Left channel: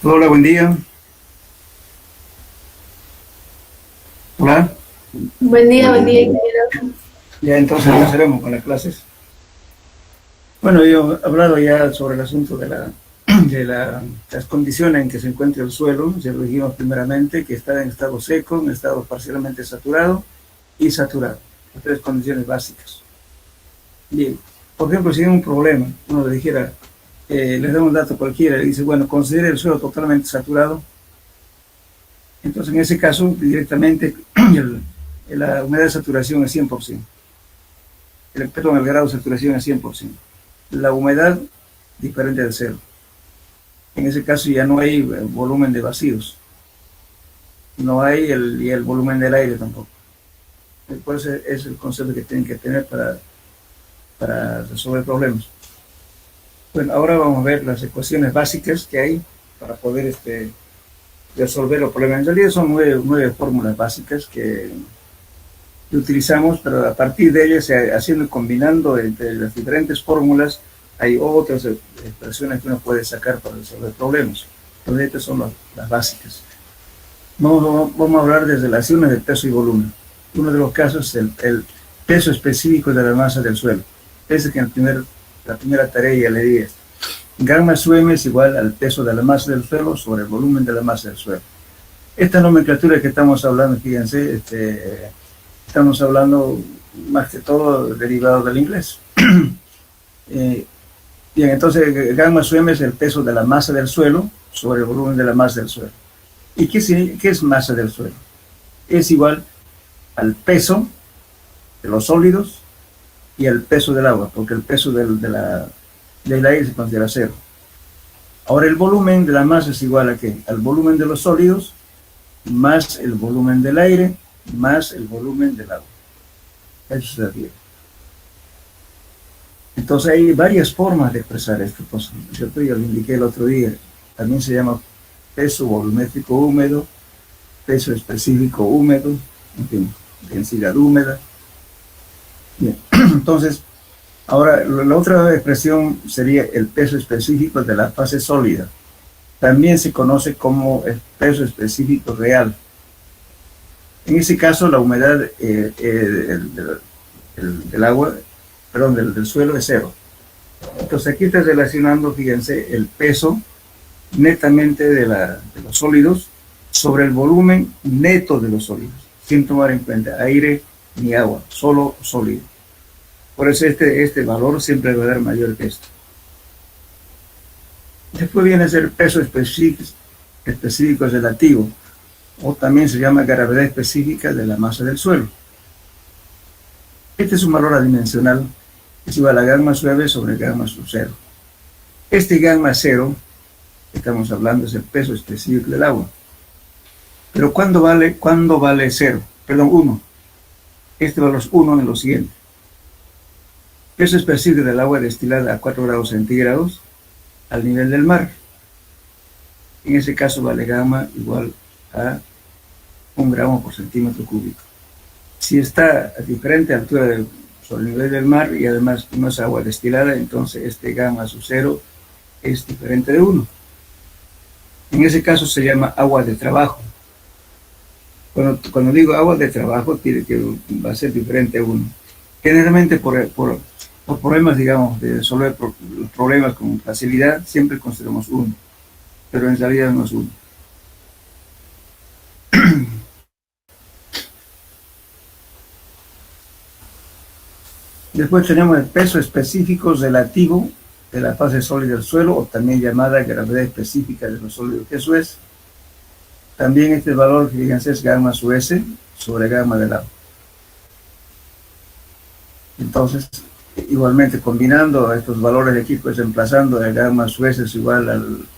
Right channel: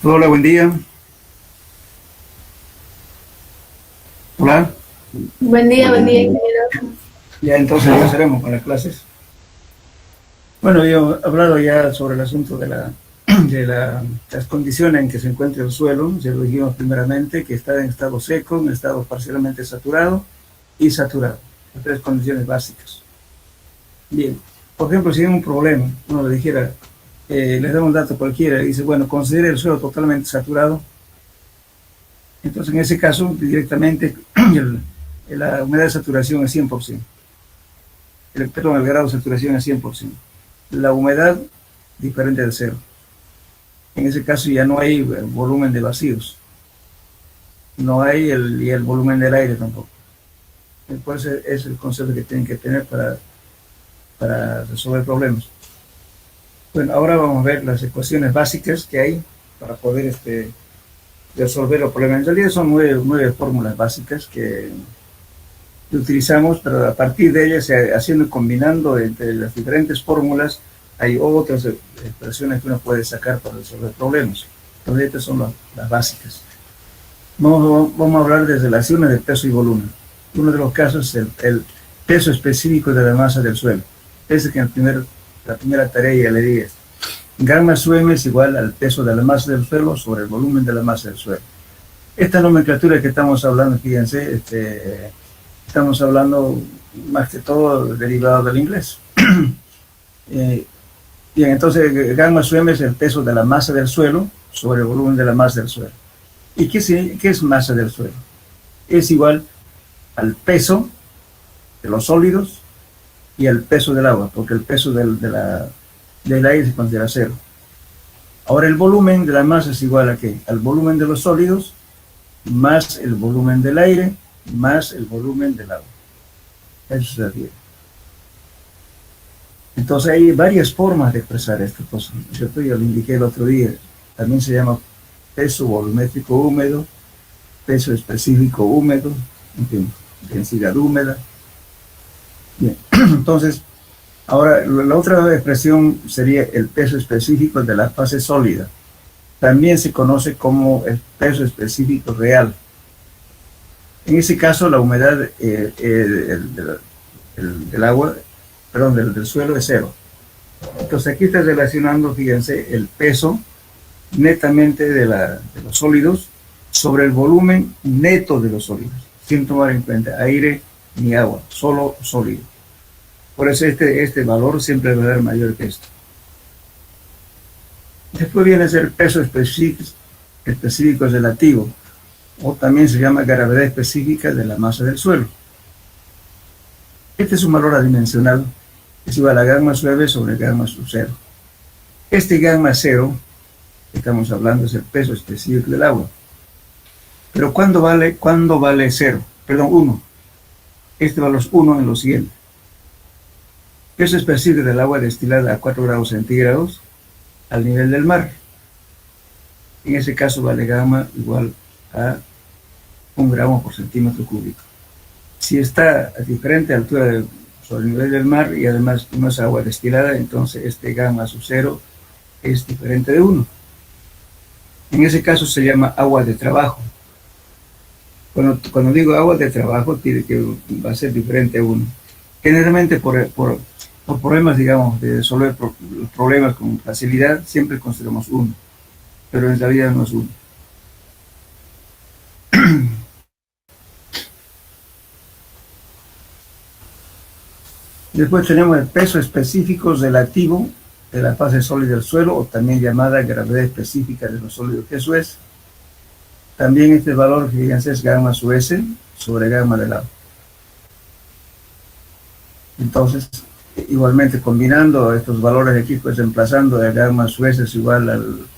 Hola, buen día. Hola. Buen día, ingeniero. Ya entonces empezaremos con las clases. Bueno, yo he hablado ya sobre el asunto de las condiciones en que se encuentra el suelo. Ya lo dijimos primeramente, que está en estado seco, en estado parcialmente saturado y saturado. Las tres condiciones básicas. Bien, por ejemplo, si hay un problema, uno le dijera, les da un dato cualquiera y dice, bueno, considere el suelo totalmente saturado. Entonces, en ese caso, directamente la humedad de saturación es 100%. Perdón, el grado de saturación es 100%. La humedad diferente del cero. En ese caso ya no hay volumen de vacíos. No hay el volumen del aire tampoco. Por eso es el concepto que tienen que tener para resolver problemas. Bueno, ahora vamos a ver las ecuaciones básicas que hay para poder resolver los problemas. En realidad son nueve fórmulas básicas que utilizamos, pero a partir de ellas, haciendo y combinando entre las diferentes fórmulas, hay otras expresiones que uno puede sacar para resolver problemas. Entonces, estas son las básicas. Vamos a hablar de relaciones de peso y volumen. Uno de los casos es el peso específico de la masa del suelo. Ese que en la primera tarea ya le dije. Gamma sub m es igual al peso de la masa del suelo sobre el volumen de la masa del suelo. Esta nomenclatura que estamos hablando, fíjense, estamos hablando más que todo derivado del inglés. Bien, entonces gamma sub m es el peso de la masa del suelo sobre el volumen de la masa del suelo. ¿Y qué es masa del suelo? Es igual al peso de los sólidos y al peso del agua, porque el peso del aire se considera cero. Ahora el volumen de la masa es igual a ¿qué? Al volumen de los sólidos más el volumen del aire más el volumen del agua. Eso se refiere. Entonces hay varias formas de expresar esta cosa. Yo lo indiqué el otro día. También se llama peso volumétrico húmedo, peso específico húmedo, en fin, densidad húmeda. Bien, entonces, ahora la otra expresión sería el peso específico de la fase sólida. También se conoce como el peso específico real. En ese caso, la humedad del agua perdón, del suelo es cero. Entonces aquí está relacionando, fíjense, el peso netamente de los sólidos sobre el volumen neto de los sólidos, sin tomar en cuenta aire ni agua, solo sólido. Por eso este valor siempre va a ser mayor que esto. Después viene a ser peso específico relativo, o también se llama gravedad específica de la masa del suelo. Este es un valor adimensional, es igual a gamma suave sobre gamma sub cero. Este gamma cero, que estamos hablando, es el peso específico del agua. Pero ¿cuándo vale cero? Perdón, 1. Este valor es 1 en lo siguiente. Peso específico del agua destilada a 4 grados centígrados al nivel del mar. En ese caso vale gamma igual a 1 gramo por centímetro cúbico. Si está a diferente altura sobre el nivel del mar y además no es agua destilada, entonces este gamma sub cero es diferente de 1. En ese caso se llama agua de trabajo. Cuando digo agua de trabajo, tiene que va a ser diferente a 1. Generalmente por problemas, digamos, de resolver los problemas con facilidad, siempre consideramos 1, pero en realidad no es 1. Después tenemos el peso específico relativo de la fase sólida del suelo, o también llamada gravedad específica de los sólidos, que eso es. También este valor, fíjense, es gamma sub S sobre gamma del agua. Entonces, igualmente combinando estos valores aquí, pues reemplazando el gamma sub S es igual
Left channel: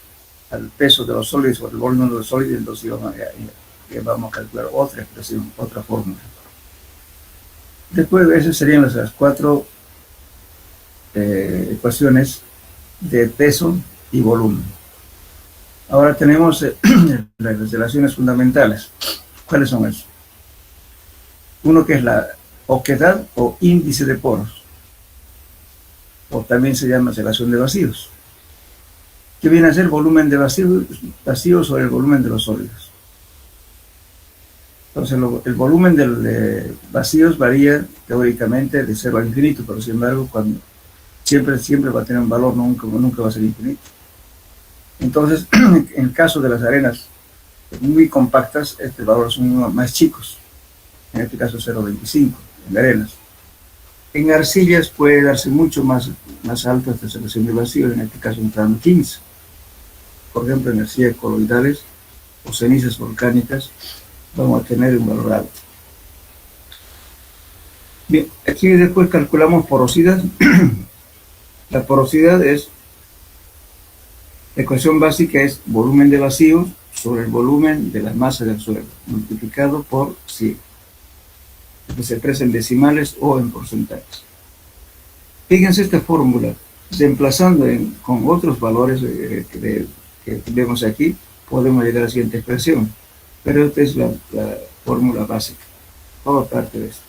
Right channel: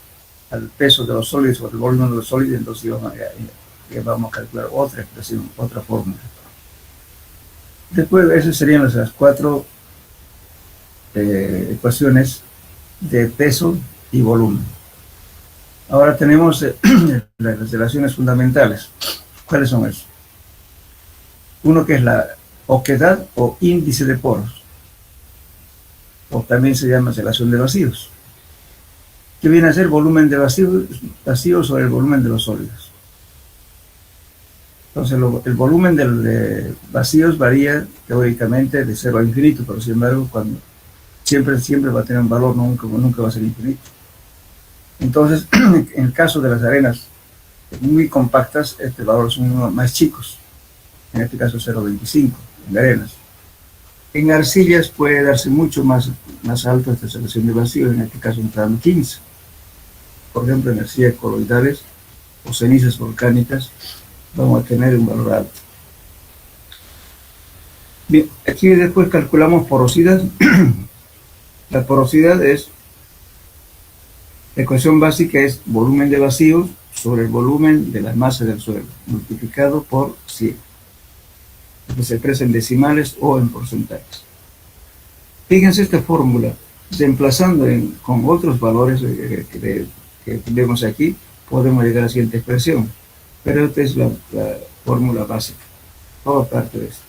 al peso de los sólidos o el volumen de los sólidos, entonces vamos a calcular otra expresión, otra fórmula. Después, esas serían las 4 ecuaciones de peso y volumen. Ahora tenemos las relaciones fundamentales. ¿Cuáles son esas? Uno que es la oquedad o índice de poros, o también se llama relación de vacíos, que viene a ser volumen de vacíos sobre el volumen de los sólidos. Entonces el volumen de vacíos varía teóricamente de 0 a infinito, pero sin embargo siempre va a tener un valor, nunca va a ser infinito. Entonces, en el caso de las arenas muy compactas, este valor son más chicos, en este caso 0,25 en arenas. En arcillas puede darse mucho más alto esta relación de vacíos, en este caso entrando 15. Por ejemplo, en arcillas coloidales o cenizas volcánicas vamos a tener un valor alto. Bien, aquí después calculamos porosidad. La porosidad es, la ecuación básica es volumen de vacíos sobre el volumen de la masa del suelo, multiplicado por 100. Que se expresa en decimales o en porcentajes. Fíjense esta fórmula, reemplazando con otros valores que vemos aquí, podemos llegar a la siguiente expresión. Pero esta es la fórmula básica, toda parte de esto.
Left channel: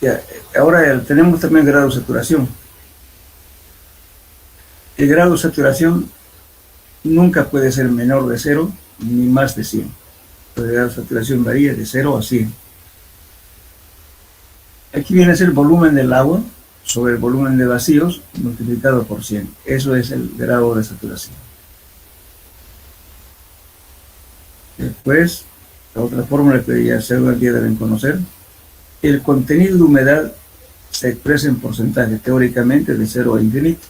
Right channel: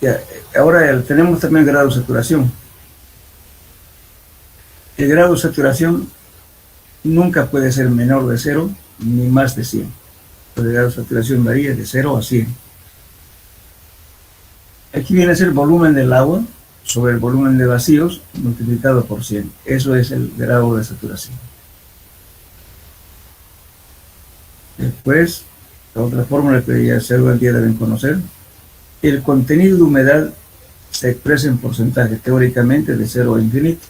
Ya, ahora tenemos también grado de saturación. El grado de saturación nunca puede ser menor de 0 ni más de 100. El grado de saturación varía de 0 a 100. Aquí viene a ser el volumen del agua sobre el volumen de vacíos multiplicado por 100. Eso es el grado de saturación. Después, la otra fórmula que ya seguramente deben conocer, el contenido de humedad se expresa en porcentaje teóricamente de 0 a infinito.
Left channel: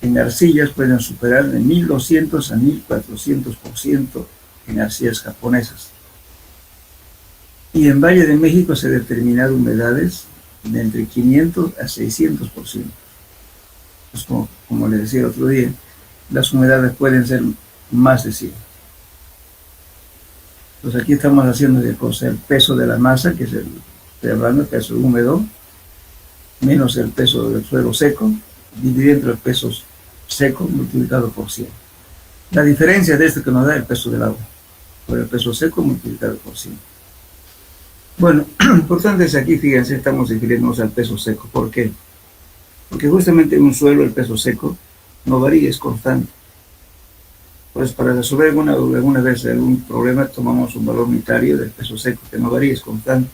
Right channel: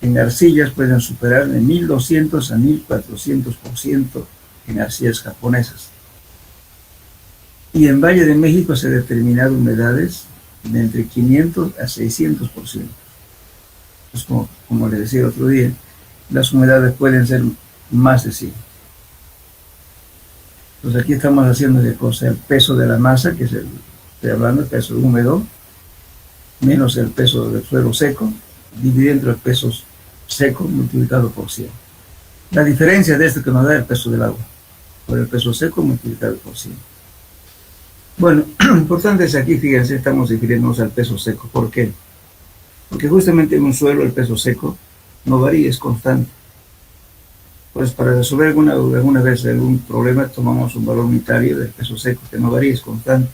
En arcillas pueden superar de 1200 a 1400% en arcillas japonesas. Y en Valle de México se han determinado humedades de entre 500 a 600%. Pues como les decía el otro día, las humedades pueden ser más de 100. Entonces aquí estamos haciendo de cosa el peso de la masa, que es estoy hablando del peso húmedo, menos el peso del suelo seco, dividiendo el peso seco multiplicado por 100. La diferencia de esto que nos da el peso del agua, por el peso seco multiplicado por 100. Bueno, lo importante es aquí, fíjense, estamos refiriéndonos al peso seco. ¿Por qué? Porque justamente en un suelo el peso seco no varía, es constante. Pues para resolver alguna vez algún problema tomamos un valor unitario del peso seco que no varía, es constante.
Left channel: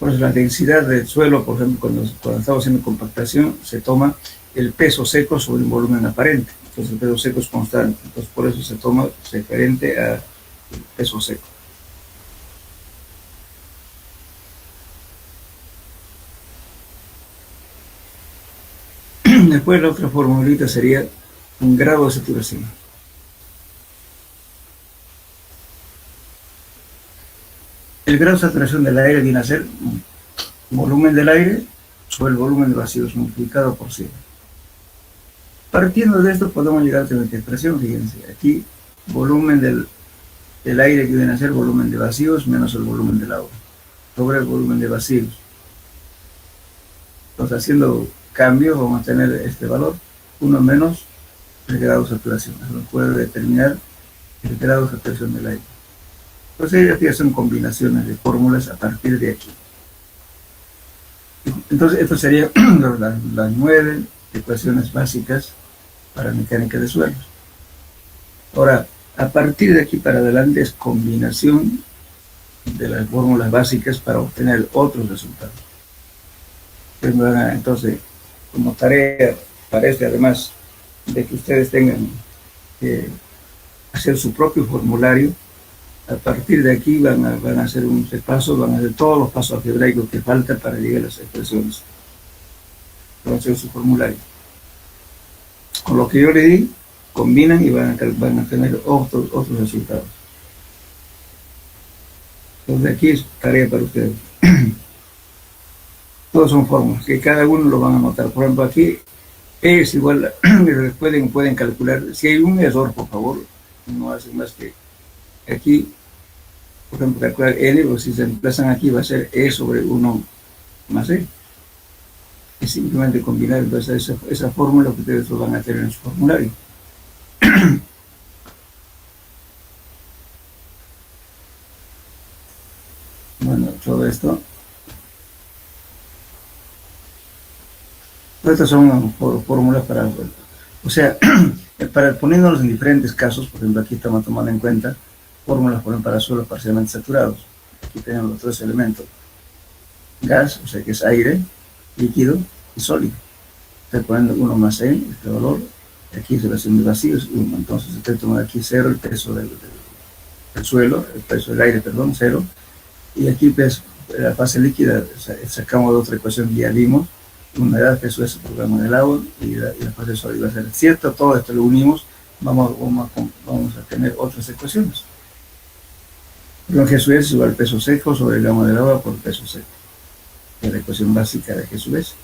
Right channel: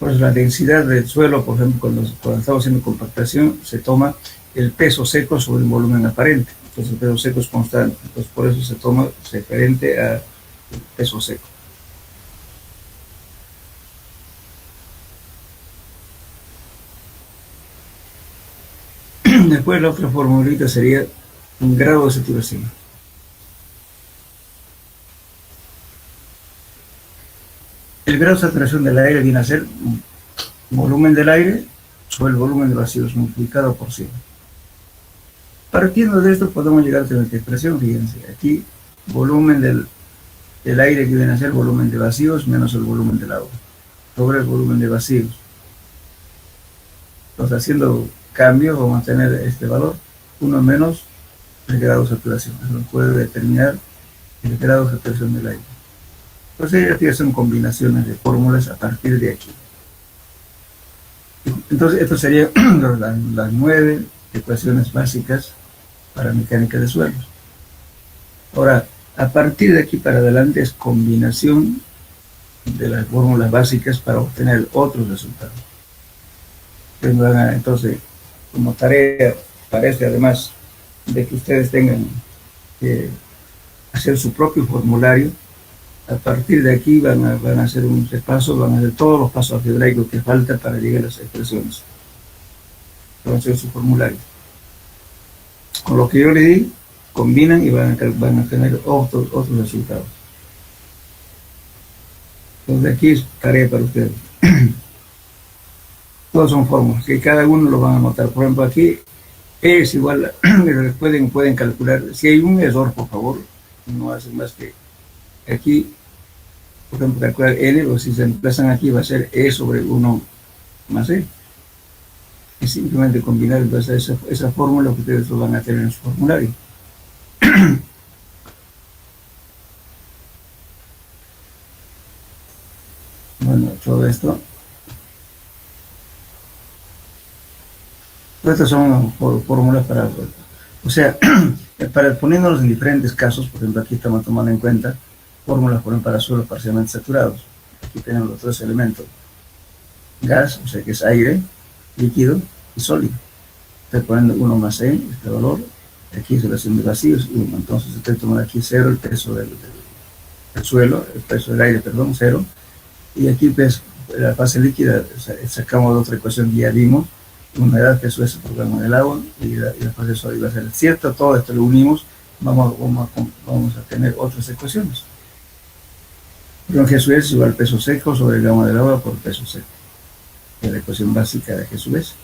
Pues la densidad del suelo, por ejemplo, cuando estamos haciendo compactación, se toma el peso seco sobre un volumen aparente. Entonces el peso seco es constante. Entonces por eso se toma referente a peso seco. Después la otra formulita sería un grado de saturación. El grado de saturación del aire viene a ser volumen del aire sobre el volumen de vacíos multiplicado por 100. Partiendo de esto podemos llegar a la expresión, fíjense, aquí volumen del aire que viene a ser volumen de vacíos menos el volumen del agua, sobre el volumen de vacíos. Entonces haciendo cambios vamos a tener este valor, 1 menos el grado de saturación. Eso nos puede determinar el grado de saturación del aire. Entonces aquí son combinaciones de fórmulas a partir de aquí. Entonces esto serían las 9 ecuaciones básicas para mecánica de suelos. Ahora, a partir de aquí para adelante es combinación de las fórmulas básicas para obtener otros resultados. Entonces, como tarea, parece además de que ustedes tengan que hacer su propio formulario. A partir de aquí van a hacer un repaso, van a hacer todos los pasos algebraicos que faltan para llegar a las expresiones. Van a hacer su formulario. Con lo que yo le di, combinan y van a tener otros resultados. Entonces aquí es tarea para ustedes. Todos son fórmulas, que cada uno lo van a anotar. Por ejemplo, aquí es igual, pueden calcular. Si hay un error, por favor, no hacen más que aquí, por ejemplo, calcular N, o si se emplazan aquí va a ser E sobre 1 más E. Es simplemente combinar entonces esa fórmula que ustedes lo van a tener en su formulario. Bueno, todo esto. Estas son fórmulas para, o sea, poniéndonos en diferentes casos. Por ejemplo, aquí estamos tomando en cuenta fórmulas, por ejemplo, para suelos parcialmente saturados. Aquí tenemos los 3 elementos: gas, o sea que es aire, líquido y sólido. Estoy poniendo 1 más E, este valor. Aquí es relación de vacíos, 1. Entonces estoy tomando aquí 0, el peso del suelo, el peso del aire, perdón, 0. Y aquí pues, la fase líquida, sacamos de otra ecuación que ya vimos, humedad, peso es el programa del agua, y la fase sólida va a ser cierto. Todo esto lo unimos, vamos a tener otras ecuaciones. Pero Jesús es igual peso seco sobre el gamma del agua por peso seco. Es la ecuación básica de Jesús.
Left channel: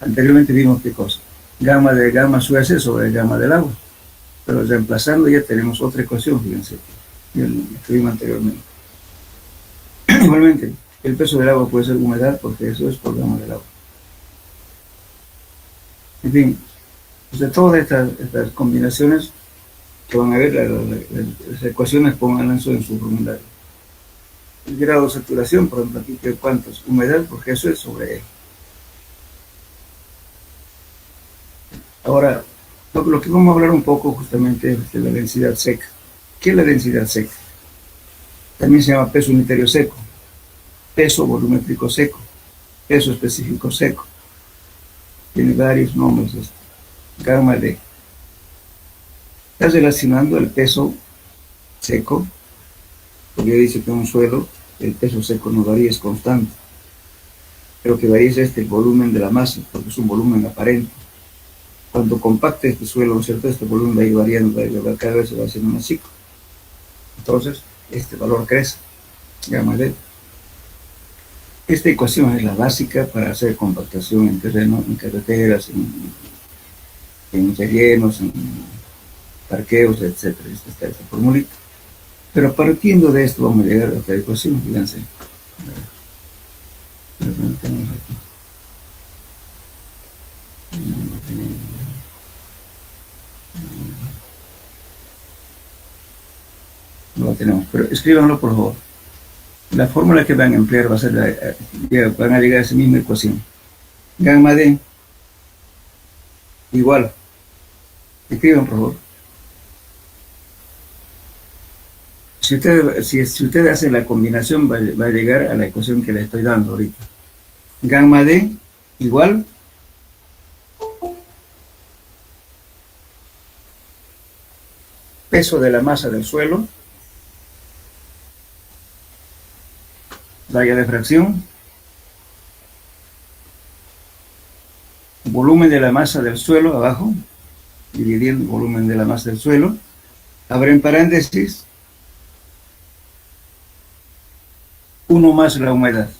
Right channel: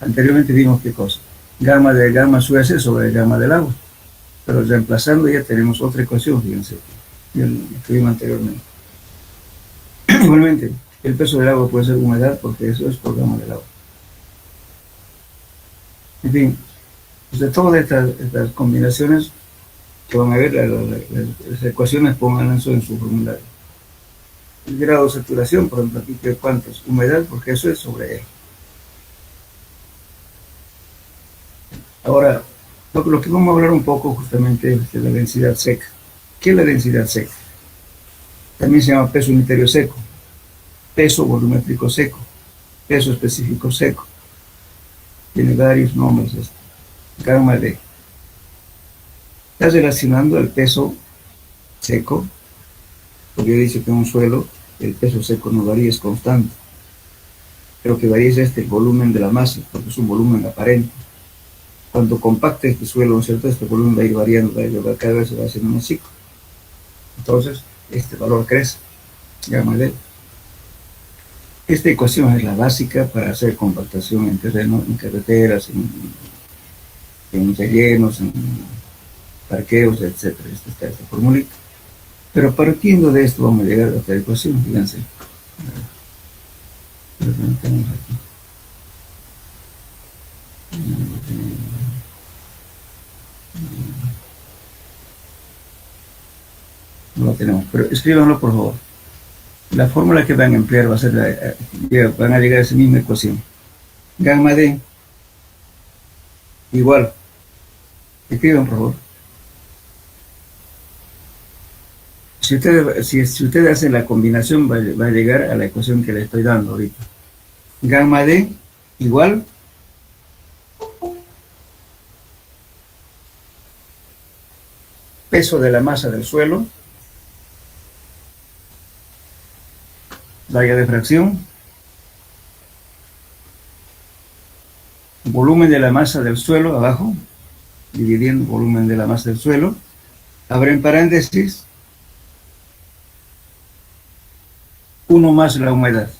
Anteriormente vimos qué cosa: gamma de gamma S sobre el gamma del agua. Pero reemplazando ya tenemos otra ecuación, fíjense, que escribimos anteriormente. Igualmente, el peso del agua puede ser humedad, porque eso es por gamma del agua. En fin, de todas estas combinaciones que van a ver, las ecuaciones, pongan eso en su formulario. El grado de saturación, por ejemplo, aquí, ¿cuánto es? Humedad, porque eso es sobre él. Ahora, lo que vamos a hablar un poco justamente es de la densidad seca. ¿Qué es la densidad seca? También se llama peso unitario seco, peso volumétrico seco, peso específico seco. Tiene varios nombres esto. Gamma D. Está relacionando el peso seco, porque dice que en un suelo el peso seco no varía, es constante. Pero que varía es el volumen de la masa, porque es un volumen aparente. Cuando compacte este suelo, ¿no es cierto?, este volumen va a ir variando, cada vez se va haciendo más chico. Entonces, este valor crece, gamma D. Esta ecuación es la básica para hacer compactación en terreno, en carreteras, en rellenos, en parqueos, etc. Esta es esta formulita. Pero partiendo de esto vamos a llegar a otra ecuación, fíjense. No lo tenemos, pero escríbanlo por favor. La fórmula que van a emplear va a ser van a llegar a esa misma ecuación. Gamma D igual Escriban, por favor. Si ustedes hacen la combinación, va a llegar a la ecuación que le estoy dando ahorita. Gamma D igual peso de la masa del suelo, raya de fracción, volumen de la masa del suelo abajo, dividiendo volumen de la masa del suelo, abren paréntesis, 1 más la humedad.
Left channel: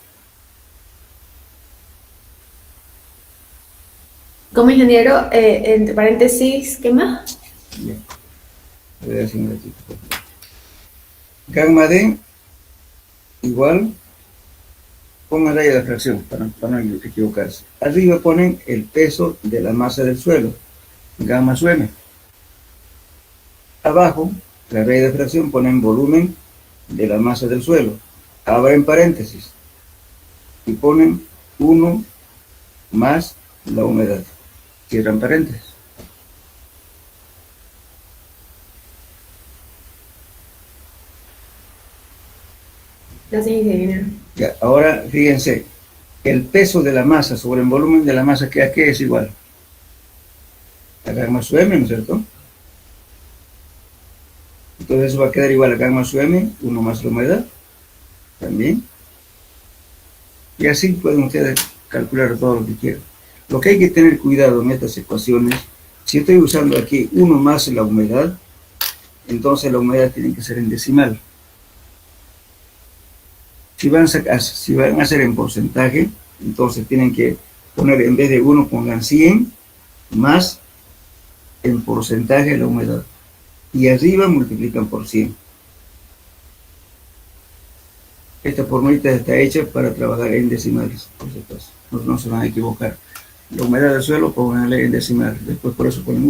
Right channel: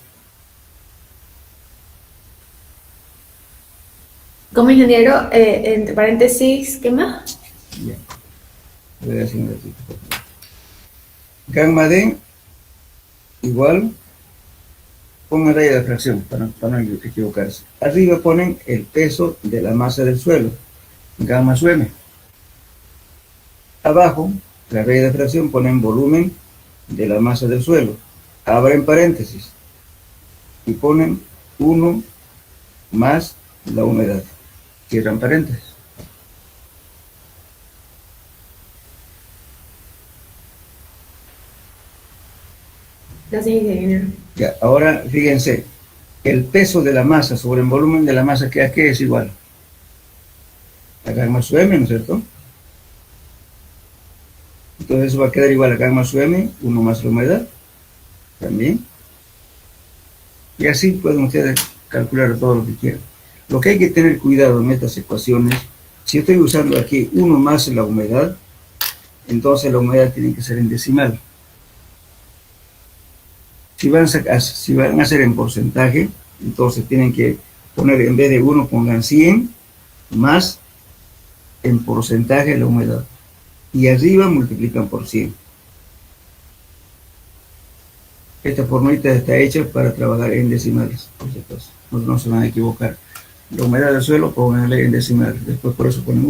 Como ingeniero, entre paréntesis, ¿qué más? Bien. Voy a decir un ratito. Gamma D igual, pongan raya de fracción para no equivocarse. Arriba ponen el peso de la masa del suelo, gamma sub m. Abajo, la raya de fracción, ponen volumen de la masa del suelo. Abren paréntesis y ponen 1 más la humedad. Cierran paréntesis. Gracias, ingeniero. Ya, ahora fíjense, el peso de la masa sobre el volumen de la masa, ¿a qué es igual? A gamma sub m, ¿no es cierto? Entonces eso va a quedar igual a gamma sub m, 1 más la humedad, también. Y así pueden ustedes calcular todo lo que quieran. Lo que hay que tener cuidado en estas ecuaciones, si estoy usando aquí 1 más la humedad, entonces la humedad tiene que ser en decimal. Si van a hacer en porcentaje, entonces tienen que poner, en vez de 1, pongan 100 más en porcentaje la humedad. Y arriba multiplican por 100. Esta formulita está hecha para trabajar en decimales, por si acaso. No se van a equivocar. La humedad del suelo, pónganle en decimal. Después por eso ponen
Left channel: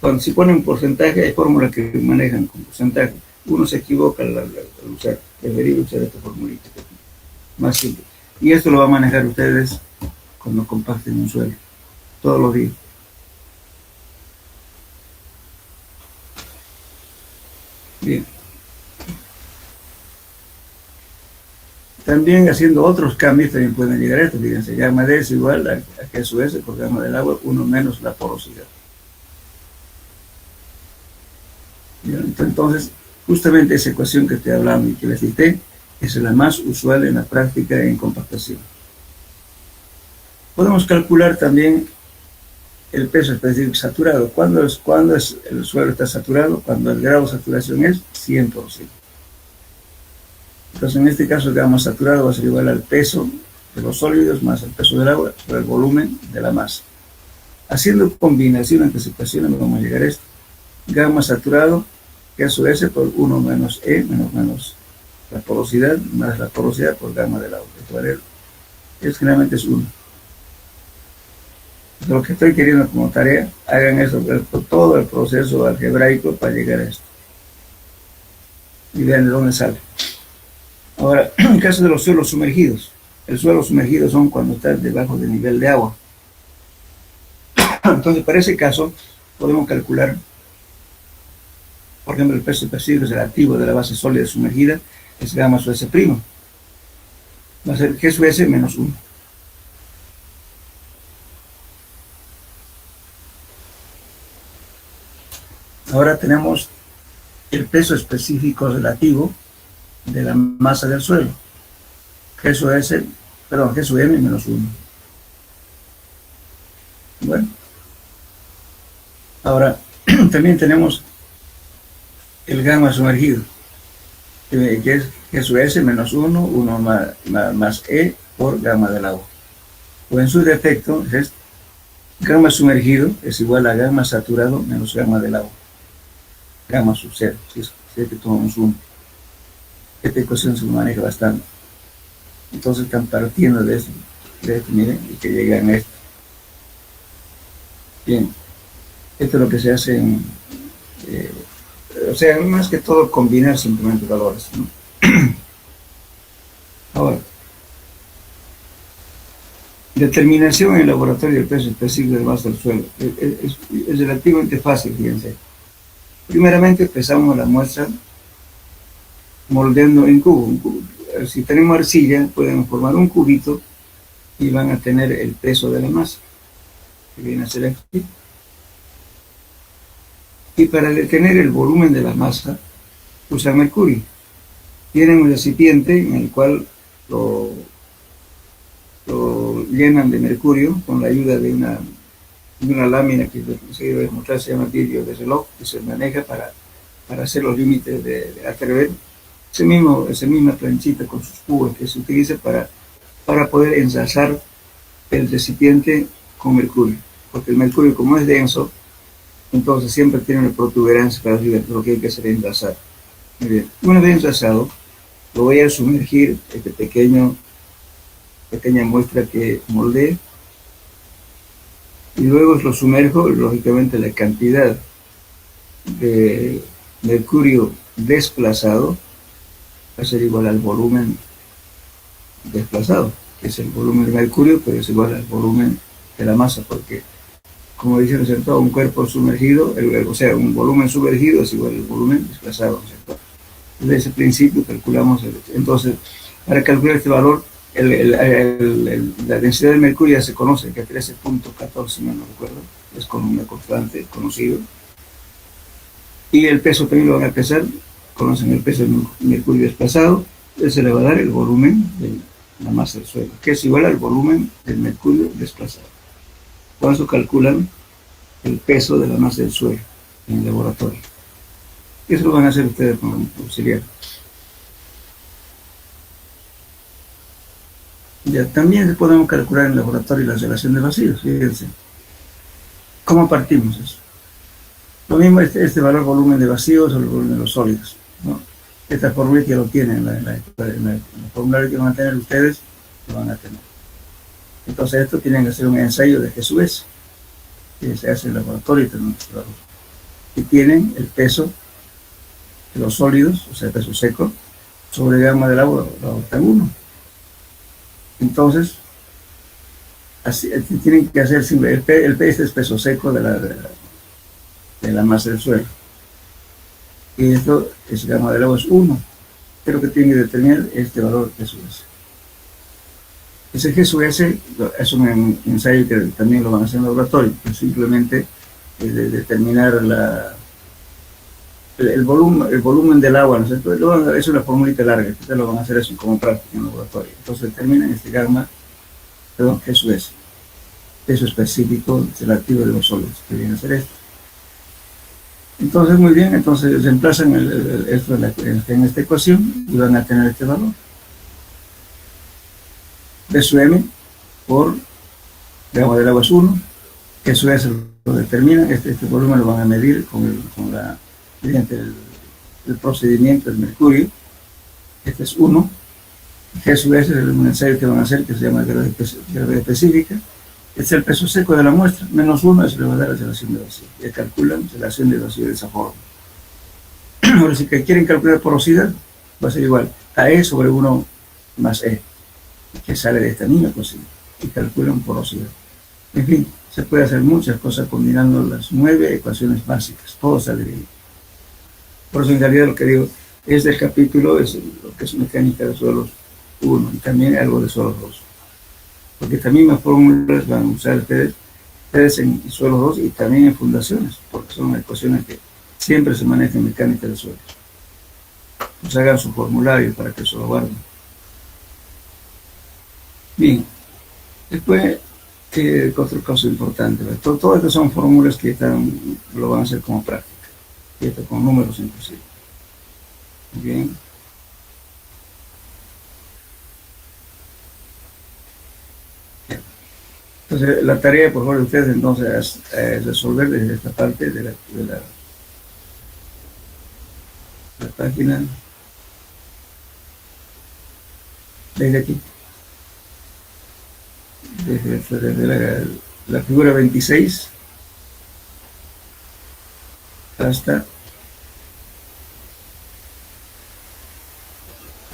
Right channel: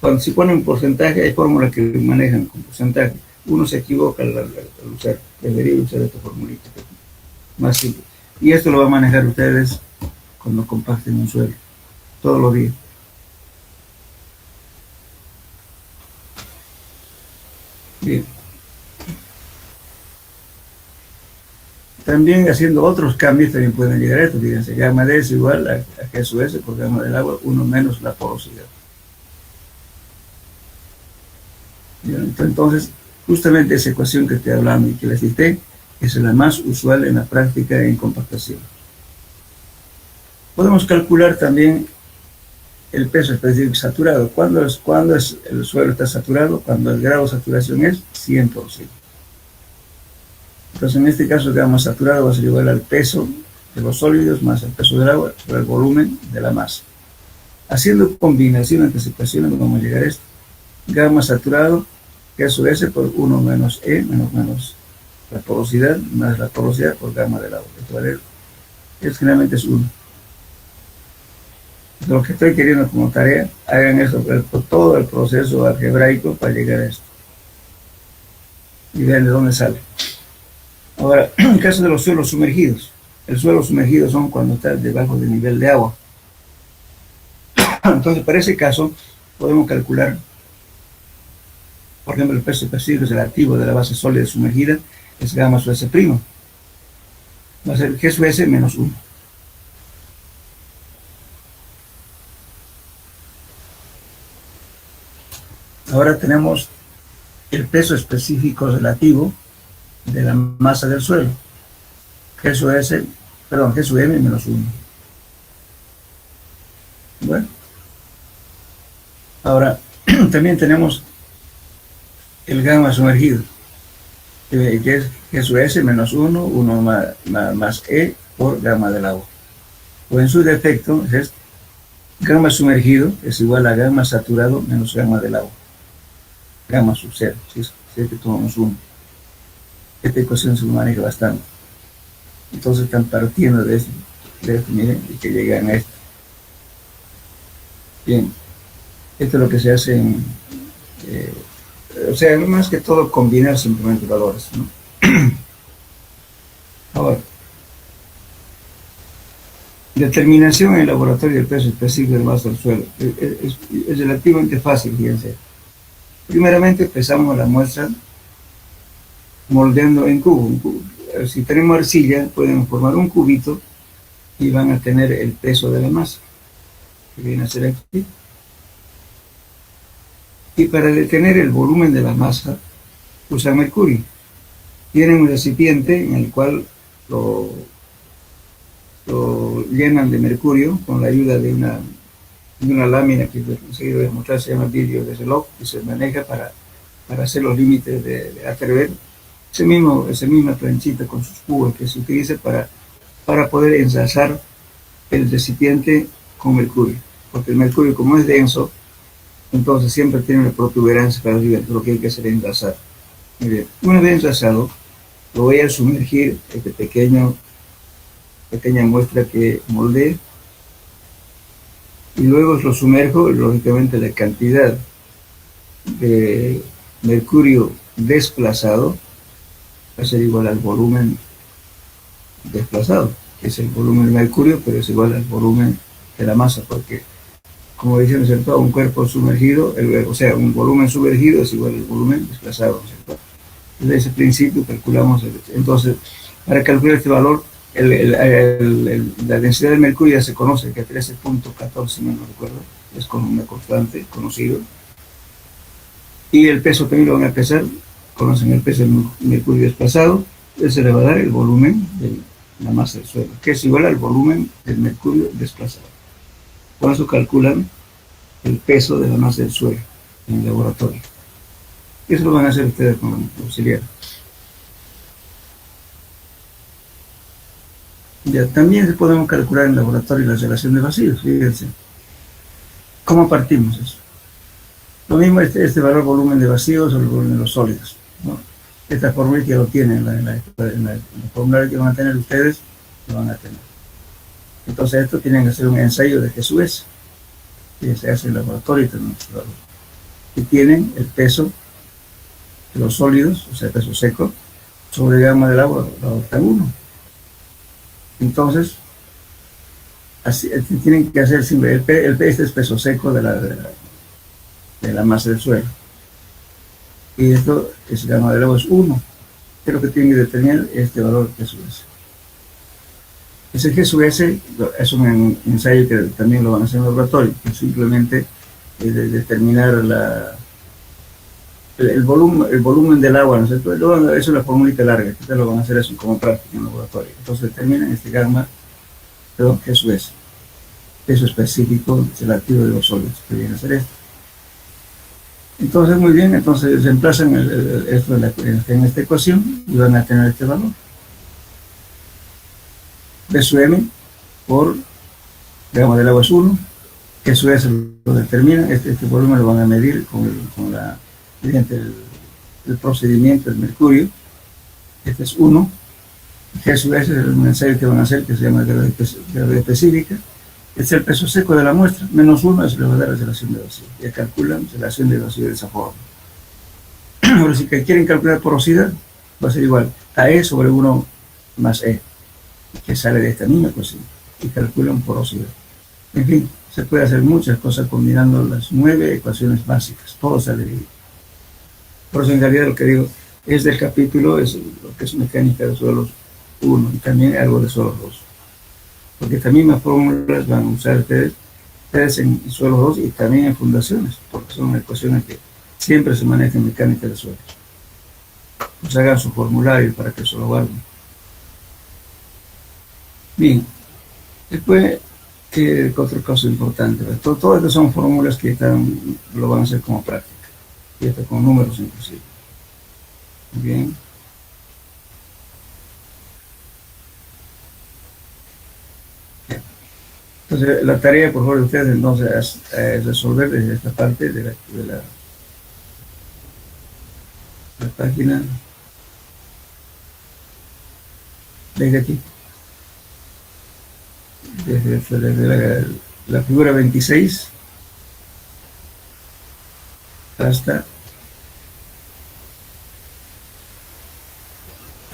1. Si ponen porcentaje, hay fórmulas que manejan con porcentaje. Uno se equivoca al usar. Debería usar esta formulita. Más simple. Y esto lo van a manejar ustedes cuando comparten un suelo. Todos los días. Bien. También haciendo otros cambios también pueden llegar a esto. Fíjense, gamma D es igual a G sub S por gamma del agua, 1 menos la porosidad. Bien, entonces, justamente esa ecuación que estoy hablando y que les cité es la más usual en la práctica en compactación. Podemos calcular también el peso específico saturado. ¿Cuándo es el suelo está saturado? Cuando el grado de saturación es 100%. Entonces, en este caso, el gamma saturado va a ser igual al peso de los sólidos más el peso del agua sobre el volumen de la masa. Haciendo combinación entre ecuaciones, vamos a llegar a esto. Gamma saturado, G sub S por 1 menos E, menos la porosidad, más la porosidad por gamma del agua. Esto generalmente es 1. Lo que estoy queriendo como tarea, hagan esto por todo el proceso algebraico para llegar a esto. Y vean de dónde sale. Ahora, en el caso de los suelos sumergidos, el suelo sumergido son cuando está debajo del nivel de agua. Entonces, para ese caso, podemos calcular, por ejemplo, el peso específico relativo de la base sólida sumergida es gamma sub S'. Va a ser G sub S menos 1. Ahora tenemos el peso específico relativo de la masa del suelo. G sub M menos 1. Bueno. Ahora, también tenemos el gamma sumergido, que es G sub S menos 1, 1 más E por gamma del agua. O en su defecto, es gamma sumergido es igual a gamma saturado menos gamma del agua. Gamma sub 0, si es que tomamos 1. Esta ecuación se maneja bastante. Entonces están partiendo de esto, miren, y que llegan a esto. Bien, esto es lo que se hace o sea, más que todo combinar simplemente valores, ¿no? Ahora, Determinación en el laboratorio del peso específico del vaso del suelo. Es relativamente fácil, fíjense. Primeramente pesamos la muestra moldeando en cubo. Un cubo. Si tenemos arcilla, pueden formar un cubito y van a tener el peso de la masa, que viene a ser aquí. Y para detener el volumen de la masa, usan mercurio. Tienen un recipiente en el cual lo llenan de mercurio con la ayuda de una lámina que conseguí demostrar, se llama vidrio de reloj, que se maneja para hacer los límites de atrever. Esa misma planchita con sus cubos que se utiliza para poder ensalzar el recipiente con mercurio. Porque el mercurio, como es denso, entonces siempre tiene una protuberancia para arriba, lo que hay que hacer es ensalzar. Muy bien. Una vez ensalzado, lo voy a sumergir, pequeña muestra que moldeé, y luego lo sumerjo, y lógicamente la cantidad de mercurio desplazado va a ser igual al volumen desplazado, que es el volumen de mercurio, pero es igual al volumen de la masa, porque, como dicen, ¿cierto?, un cuerpo sumergido, o sea, un volumen sumergido es igual al volumen desplazado, ¿cierto? Desde ese principio calculamos, entonces, para calcular este valor, la densidad de mercurio ya se conoce, que es 13.14, si no recuerdo, es con una constante conocido. Y el peso también lo van a pesar, conocen el peso del mercurio desplazado, se le va a dar el volumen de la masa del suelo, que es igual al volumen del mercurio desplazado. Por eso calculan el peso de la masa del suelo en el laboratorio. Eso lo van a hacer ustedes con auxiliar. Ya, también podemos calcular en el laboratorio la relación de vacíos, fíjense. ¿Cómo partimos eso? Lo mismo este valor volumen de vacíos o el volumen de los sólidos, ¿no? Esta fórmula que lo tienen en el formulario que van a tener ustedes, lo van a tener. Entonces esto tienen que hacer un ensayo de G/S, que se hace en el laboratorio y tenemos este valor. Y tienen el peso de los sólidos, o sea, el peso seco, sobre gamma del agua, tan 1. Entonces, así, tienen que hacer simple, este es peso seco de la masa del suelo. Y esto es gamma del agua es 1. Pero que tienen que determinar este valor G/S. Ese G/S es un ensayo que también lo van a hacer en el laboratorio, que simplemente determinar el volumen del agua, ¿no es cierto? Es una formulita larga, que ustedes lo van a hacer eso como práctica en el laboratorio. Entonces determinan este G/S, peso específico relativo de los sólidos, que viene a ser esto. Entonces, muy bien, entonces reemplazan esto en esta ecuación y van a tener este valor. P sub M por gamma del agua es 1, que eso es lo determina, este volumen lo van a medir mediante el procedimiento del mercurio, este es 1, que eso es un ensayo que van a hacer que se llama gravedad específica, es el peso seco de la muestra, menos 1 es le va a dar la relación de vacío, y calculan relación de vacío de esa forma. Ahora, si quieren calcular porosidad, va a ser igual a E sobre 1 más E, que sale de esta misma cocina, y calculan porosidad. En fin, se puede hacer muchas cosas combinando las 9 ecuaciones básicas, todo sale bien. Por eso en realidad lo que digo es del capítulo, es lo que es mecánica de suelos 1 y también algo de suelos 2. Porque estas mismas fórmulas van a usar ustedes en suelos 2 y también en fundaciones, porque son ecuaciones que siempre se manejan en mecánica de suelos. Pues hagan su formulario para que eso lo guarden. Bien, después, otra cosa importante, todas estas son fórmulas que lo van a hacer como práctica, y esto con números inclusive. Bien. Entonces, la tarea, por favor, de ustedes entonces es resolver desde esta parte de la página, desde aquí, desde la figura 26 hasta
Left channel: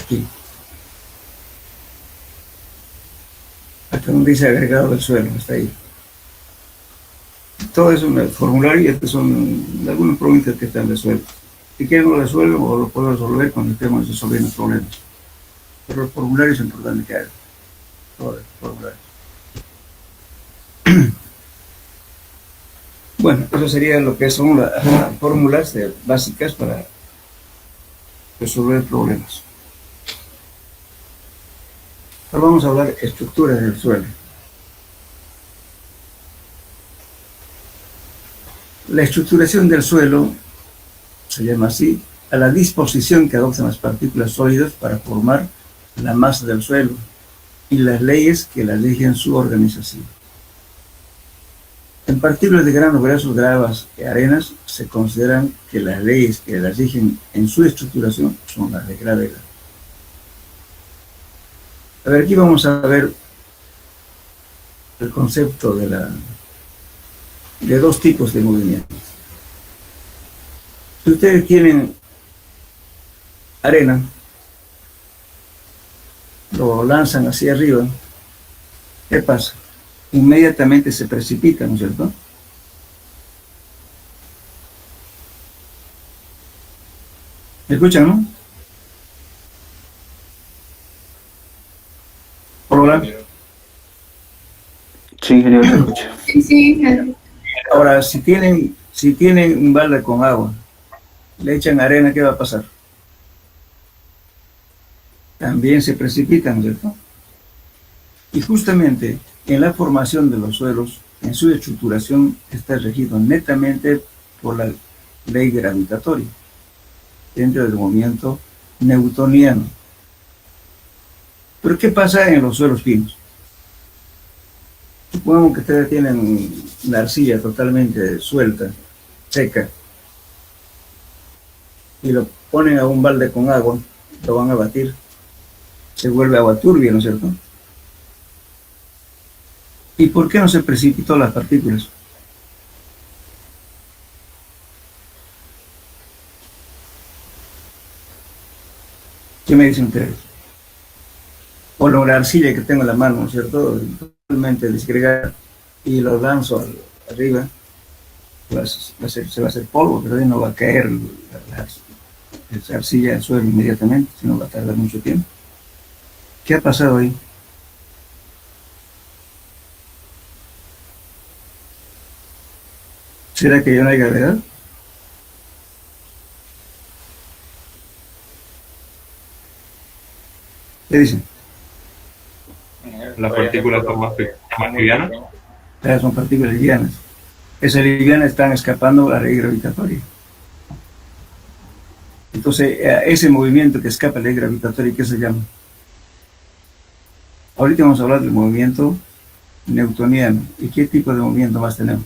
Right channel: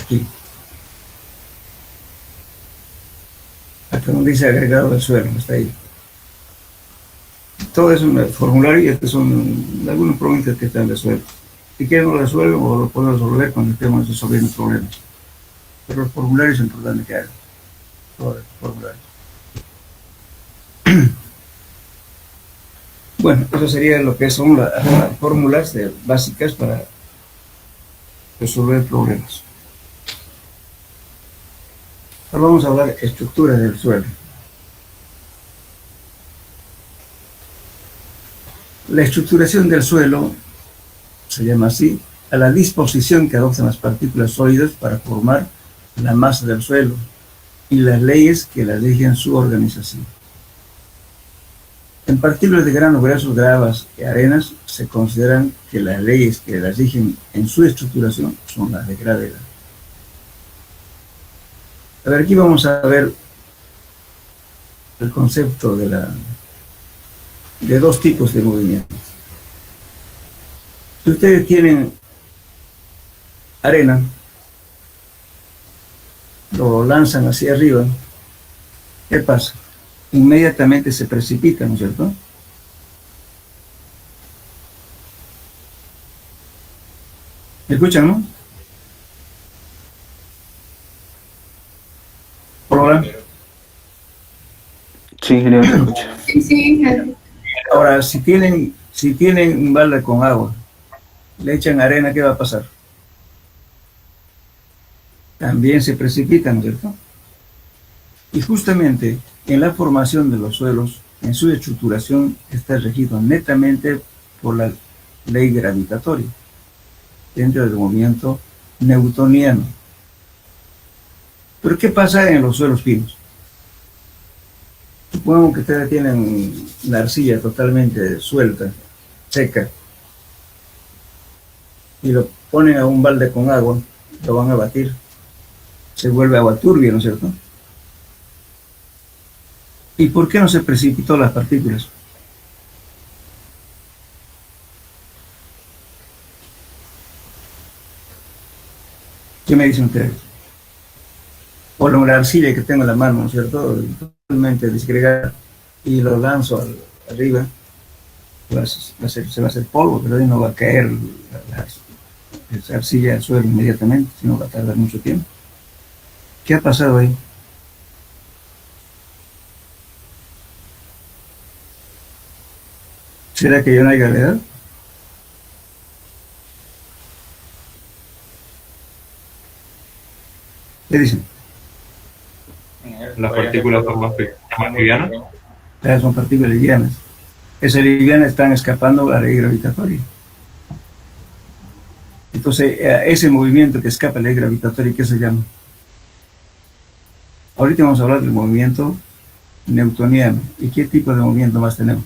aquí, hasta donde donde dice agregado del suelo, está ahí. Todo es un formulario y estos son algunos problemas que están resueltos. Si quieren lo resuelven o lo puedo resolver cuando estemos resolviendo problemas. Pero el formulario es importante que hagan. Todo el formulario. Bueno, eso sería lo que son las fórmulas básicas para resolver problemas. Ahora vamos a hablar de estructuras del suelo. La estructuración del suelo se llama así a la disposición que adoptan las partículas sólidas para formar la masa del suelo y las leyes que la rigen su organización. En partículas de granos gruesos, gravas y arenas se consideran que las leyes que las rigen en su estructuración son las de gravedad. A ver, aquí vamos a ver el concepto de dos tipos de movimientos. Si ustedes tienen arena, lo lanzan hacia arriba, ¿qué pasa? Inmediatamente se precipita, ¿no es cierto? ¿Me escuchan, no? Hola. Sí, ingeniero, se escucha. Sí, claro. Ahora, si tienen un balde con agua, le echan arena, ¿qué va a pasar? También se precipitan, ¿no es cierto? Y justamente en la formación de los suelos, en su estructuración, está regido netamente por la ley gravitatoria, dentro del movimiento newtoniano. Pero ¿qué pasa en los suelos finos? Supongamos que ustedes tienen la arcilla totalmente suelta, seca, y lo ponen a un balde con agua, lo van a batir, se vuelve agua turbia, ¿no es cierto? ¿Y por qué no se precipitó las partículas? ¿Qué me dicen ustedes? Bueno, la arcilla que tengo en la mano, ¿no es cierto? Totalmente disgregada, y lo lanzo arriba, se va a hacer polvo, pero ahí no va a caer esa arcilla al suelo inmediatamente, sino va a tardar mucho tiempo. ¿Qué ha pasado ahí? ¿Será que ya no hay gravedad? ¿Qué dicen? Las partículas son más livianas. Son partículas livianas. Esas livianas están escapando a la ley gravitatoria. Entonces, ese movimiento que escapa a la ley gravitatoria, ¿qué se llama? Ahorita vamos a hablar del movimiento newtoniano. ¿Y qué tipo de movimiento más tenemos?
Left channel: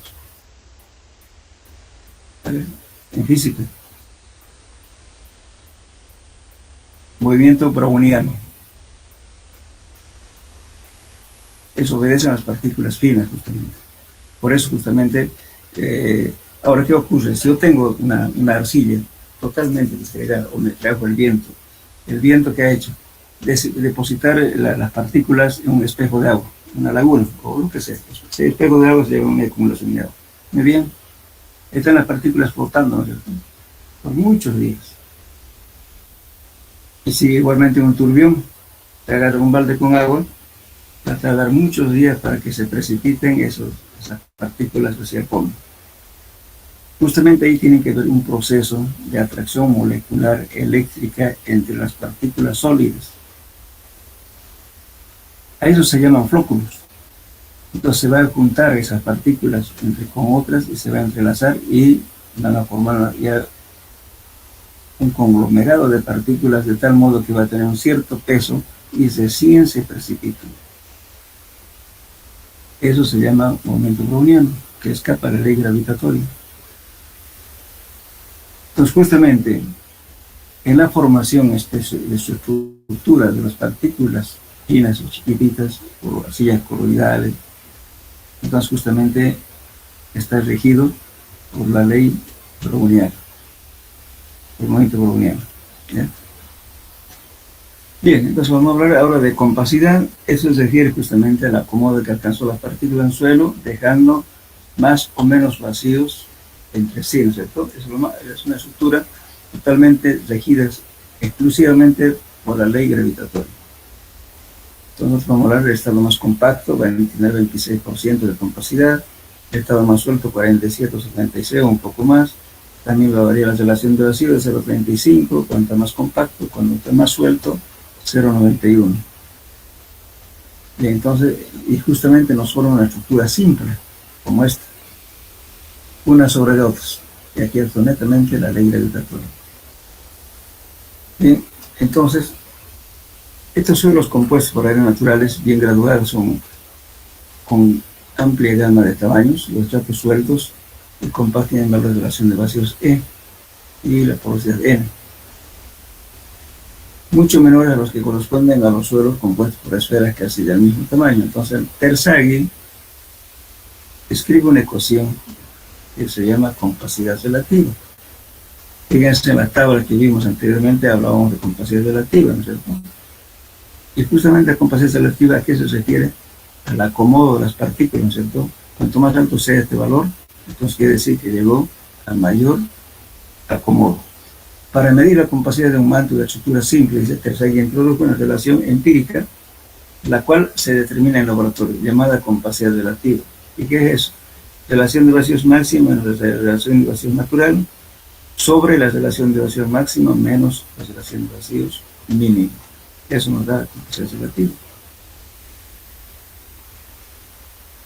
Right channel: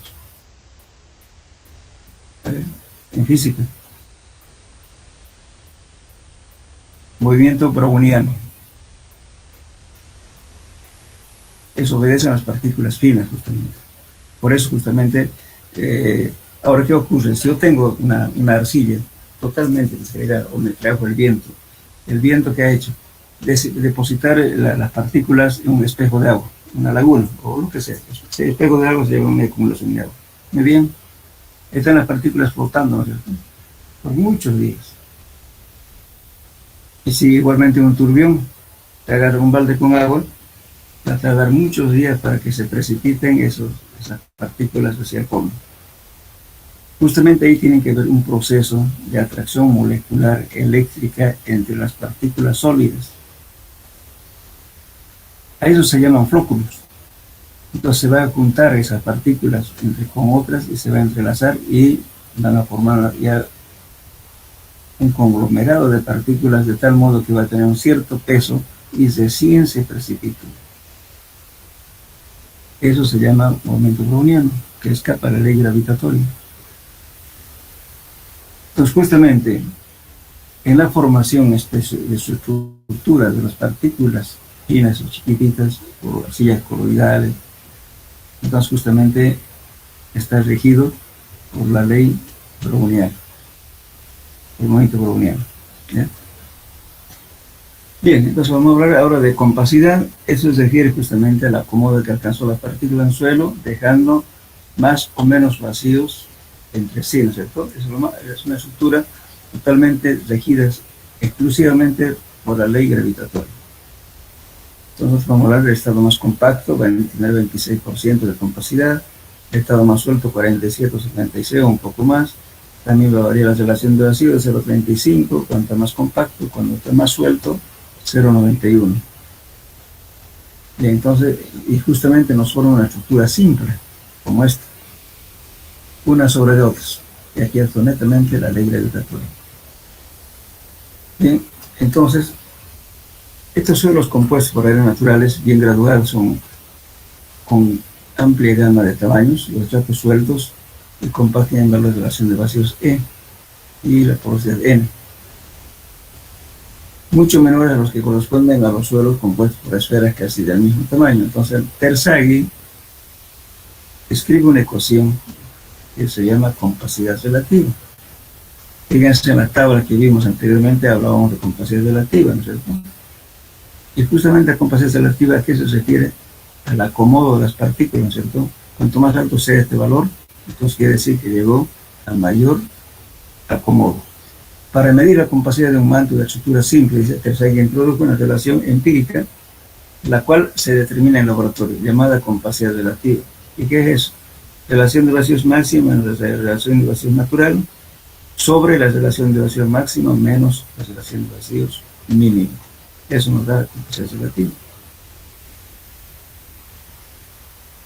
En física. Movimiento browniano. Eso obedece a las partículas finas, justamente. Por eso, justamente, ahora, ¿qué ocurre? Si yo tengo una arcilla totalmente disgregada, o me trajo el viento que ha hecho, depositar las partículas en un espejo de agua, una laguna, o lo que sea. Ese espejo de agua se llama una acumulación de agua. ¿Muy bien? Están las partículas flotando, ¿no es cierto?, por muchos días. Y si igualmente un turbión te agarra un balde con agua, va a tardar muchos días para que se precipiten esas partículas hacia el fondo. Justamente ahí tiene que haber un proceso de atracción molecular eléctrica entre las partículas sólidas. A eso se llaman flóculos. Entonces se van a juntar esas partículas con otras y se van a entrelazar y van a formar ya un conglomerado de partículas de tal modo que va a tener un cierto peso y recién se precipitan. Eso se llama movimiento browniano, que escapa a la ley gravitatoria. Entonces, justamente, en la formación de su estructura de las partículas finas o chiquititas, o arcillas coloidales, entonces justamente está regido por la ley browniana, el movimiento browniano, ¿ya? Bien, entonces vamos a hablar ahora de compacidad. Eso se refiere justamente al acomodo que alcanzó la partícula en suelo, dejando más o menos vacíos entre sí, ¿no es cierto? Es una estructura totalmente regida exclusivamente por la ley gravitatoria. Entonces vamos a hablar del estado más compacto, va a tener 26% de compacidad, el estado más suelto 47 o 76 o un poco más. También va a variar la relación de vacío de 0,35, cuanto más compacto, cuando está más suelto, 0,91. Y entonces, y justamente nos forma una estructura simple, como esta, una sobre otras. Y aquí es netamente la ley gravitatoria. Bien, entonces, estos suelos compuestos por áreas naturales bien graduados son con amplia gama de tamaños, los estratos sueltos y compactos en la relación de vacíos E y la porosidad N, mucho menores a los que corresponden a los suelos compuestos por esferas casi del mismo tamaño. Entonces, Terzaghi escribe una ecuación que se llama compacidad relativa. Fíjense en la tabla que vimos anteriormente, hablábamos de compacidad relativa, ¿no es cierto? Y justamente la compacidad relativa, ¿a qué se refiere? Al acomodo de las partículas, ¿no es cierto? Cuanto más alto sea este valor, entonces quiere decir que llegó a mayor acomodo. Para medir la compacidad de un manto de estructura simple, dice Terzaghi, introdujo una relación empírica, la cual se determina en laboratorio, llamada compacidad relativa. ¿Y qué es eso? Relación de vacíos máxima en la relación de vacíos natural sobre la relación de vacíos máxima menos la relación de vacíos mínimo. Eso nos da compacidad relativa.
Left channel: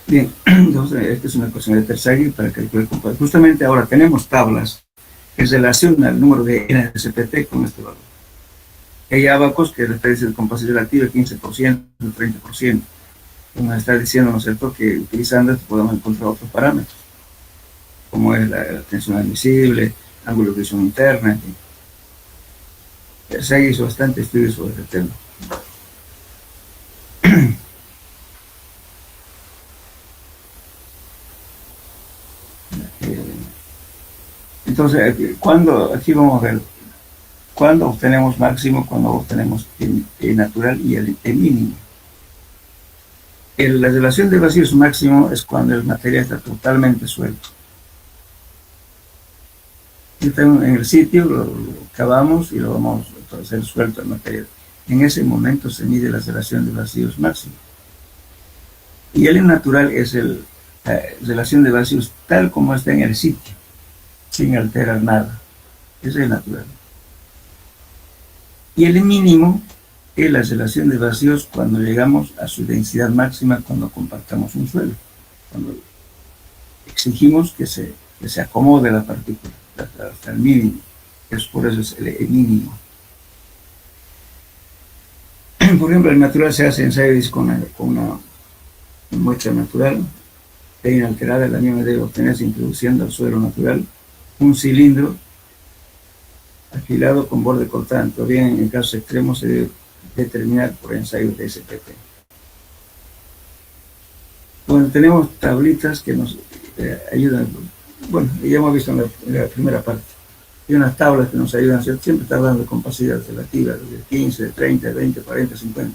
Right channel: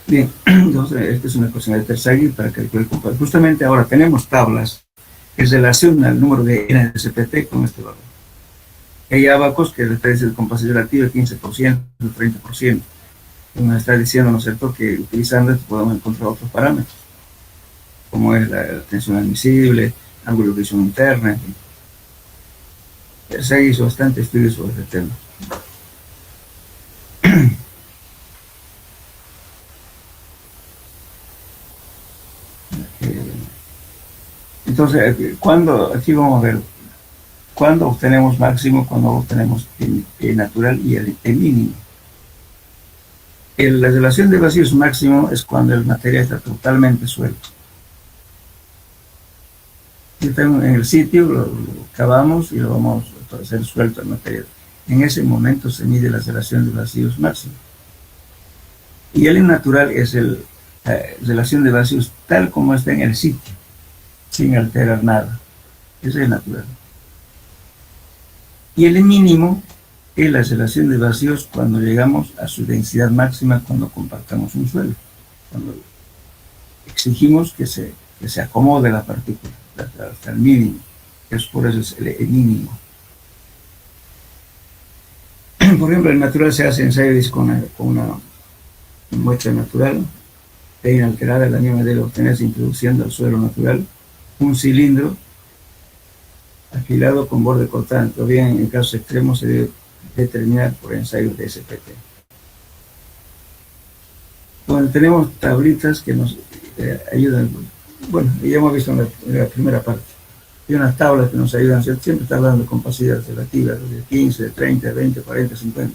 Bien, entonces esta es una ecuación de Terzaghi para calcular compacidad. Justamente ahora tenemos tablas que relacionan el número de NSPT con este valor. Hay abacos que les dice de compacidad relativa 15%, 30%. Nos está diciendo, ¿no es cierto?, que utilizando esto podemos encontrar otros parámetros, como es la tensión admisible, ángulo de visión interna, en fin. Se hizo bastante estudio sobre este tema. Entonces, aquí vamos a ver cuándo obtenemos máximo, cuándo obtenemos el natural y el mínimo. La relación de vacíos máximo es cuando el material está totalmente suelto. Está en el sitio, lo cavamos y lo vamos a hacer suelto el material. En ese momento se mide la relación de vacíos máximo. Y el natural es la relación de vacíos tal como está en el sitio, sin alterar nada. Ese es el natural. Y el mínimo es la relación de vacíos cuando llegamos a su densidad máxima, cuando compactamos un suelo, cuando exigimos que se acomode la partícula hasta el mínimo. Por eso es el mínimo. Por ejemplo, el natural se hace ensayos con una muestra natural e inalterada. La misma debe obtenerse introduciendo al suelo natural un cilindro afilado con borde cortante, o bien en casos extremos se debe determinar por ensayos de SPT. Bueno, tenemos tablitas que nos ayudan. Bueno, ya hemos visto en la primera parte. Hay unas tablas que nos ayudan, siempre está hablando de compacidad relativa, de 15, 30, 20, 40, 50.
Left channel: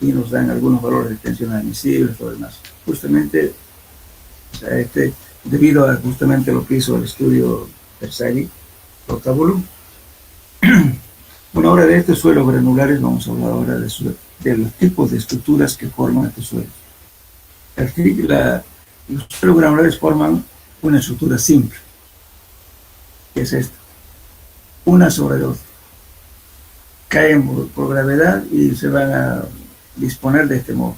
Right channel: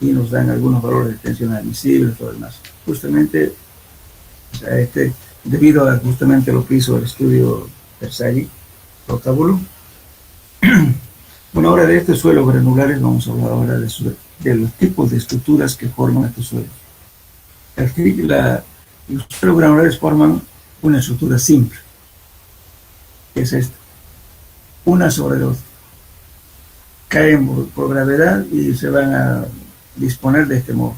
Y nos dan algunos valores de tensión admisible, todo lo demás. Justamente, o sea, debido a justamente lo que hizo el estudio Terzaghi, lo tabuló. Bueno, ahora de estos suelos granulares vamos a hablar ahora de los tipos de estructuras que forman estos suelos. Los suelos granulares forman una estructura simple, que es esta, una sobre otra. Caen por gravedad y se van a disponer de este modo,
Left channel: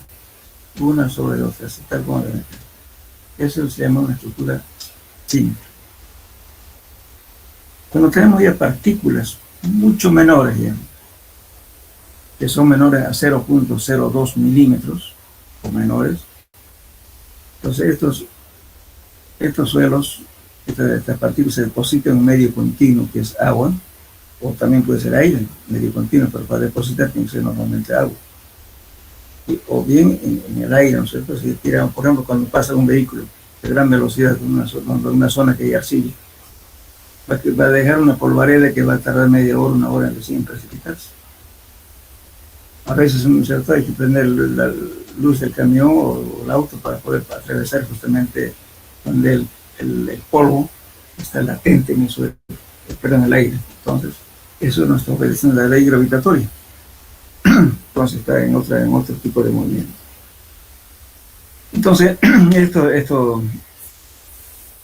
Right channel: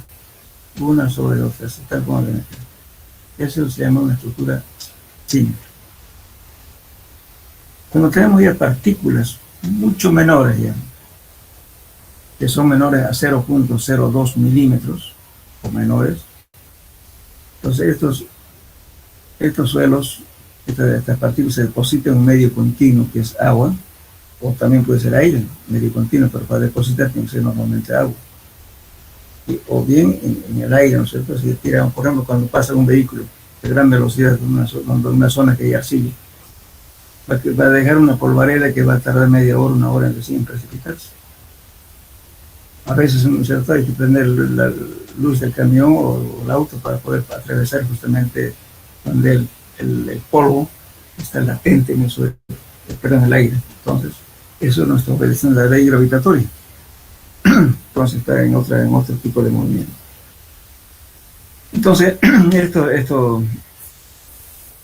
una sobre otra, tal como ven aquí. Eso se llama una estructura simple. Cuando tenemos ya partículas mucho menores ya, que son menores a 0.02 milímetros o menores, entonces estos suelos, estas partículas se depositan en un medio continuo que es agua, o también puede ser aire, medio continuo, pero para depositar tiene que ser normalmente agua. O bien en el aire, ¿no es cierto? Si tiran, por ejemplo, cuando pasa un vehículo de gran velocidad por una zona que hay arcilla, va a dejar una polvareda que va a tardar media hora, una hora en recién precipitarse. A veces, ¿no es cierto?, hay que prender la luz del camión o el auto para poder atravesar justamente donde el polvo está latente en el suelo, perdón, en el aire. Entonces, eso no está obedeciendo la ley gravitatoria. Entonces está en otro tipo de movimiento. Entonces,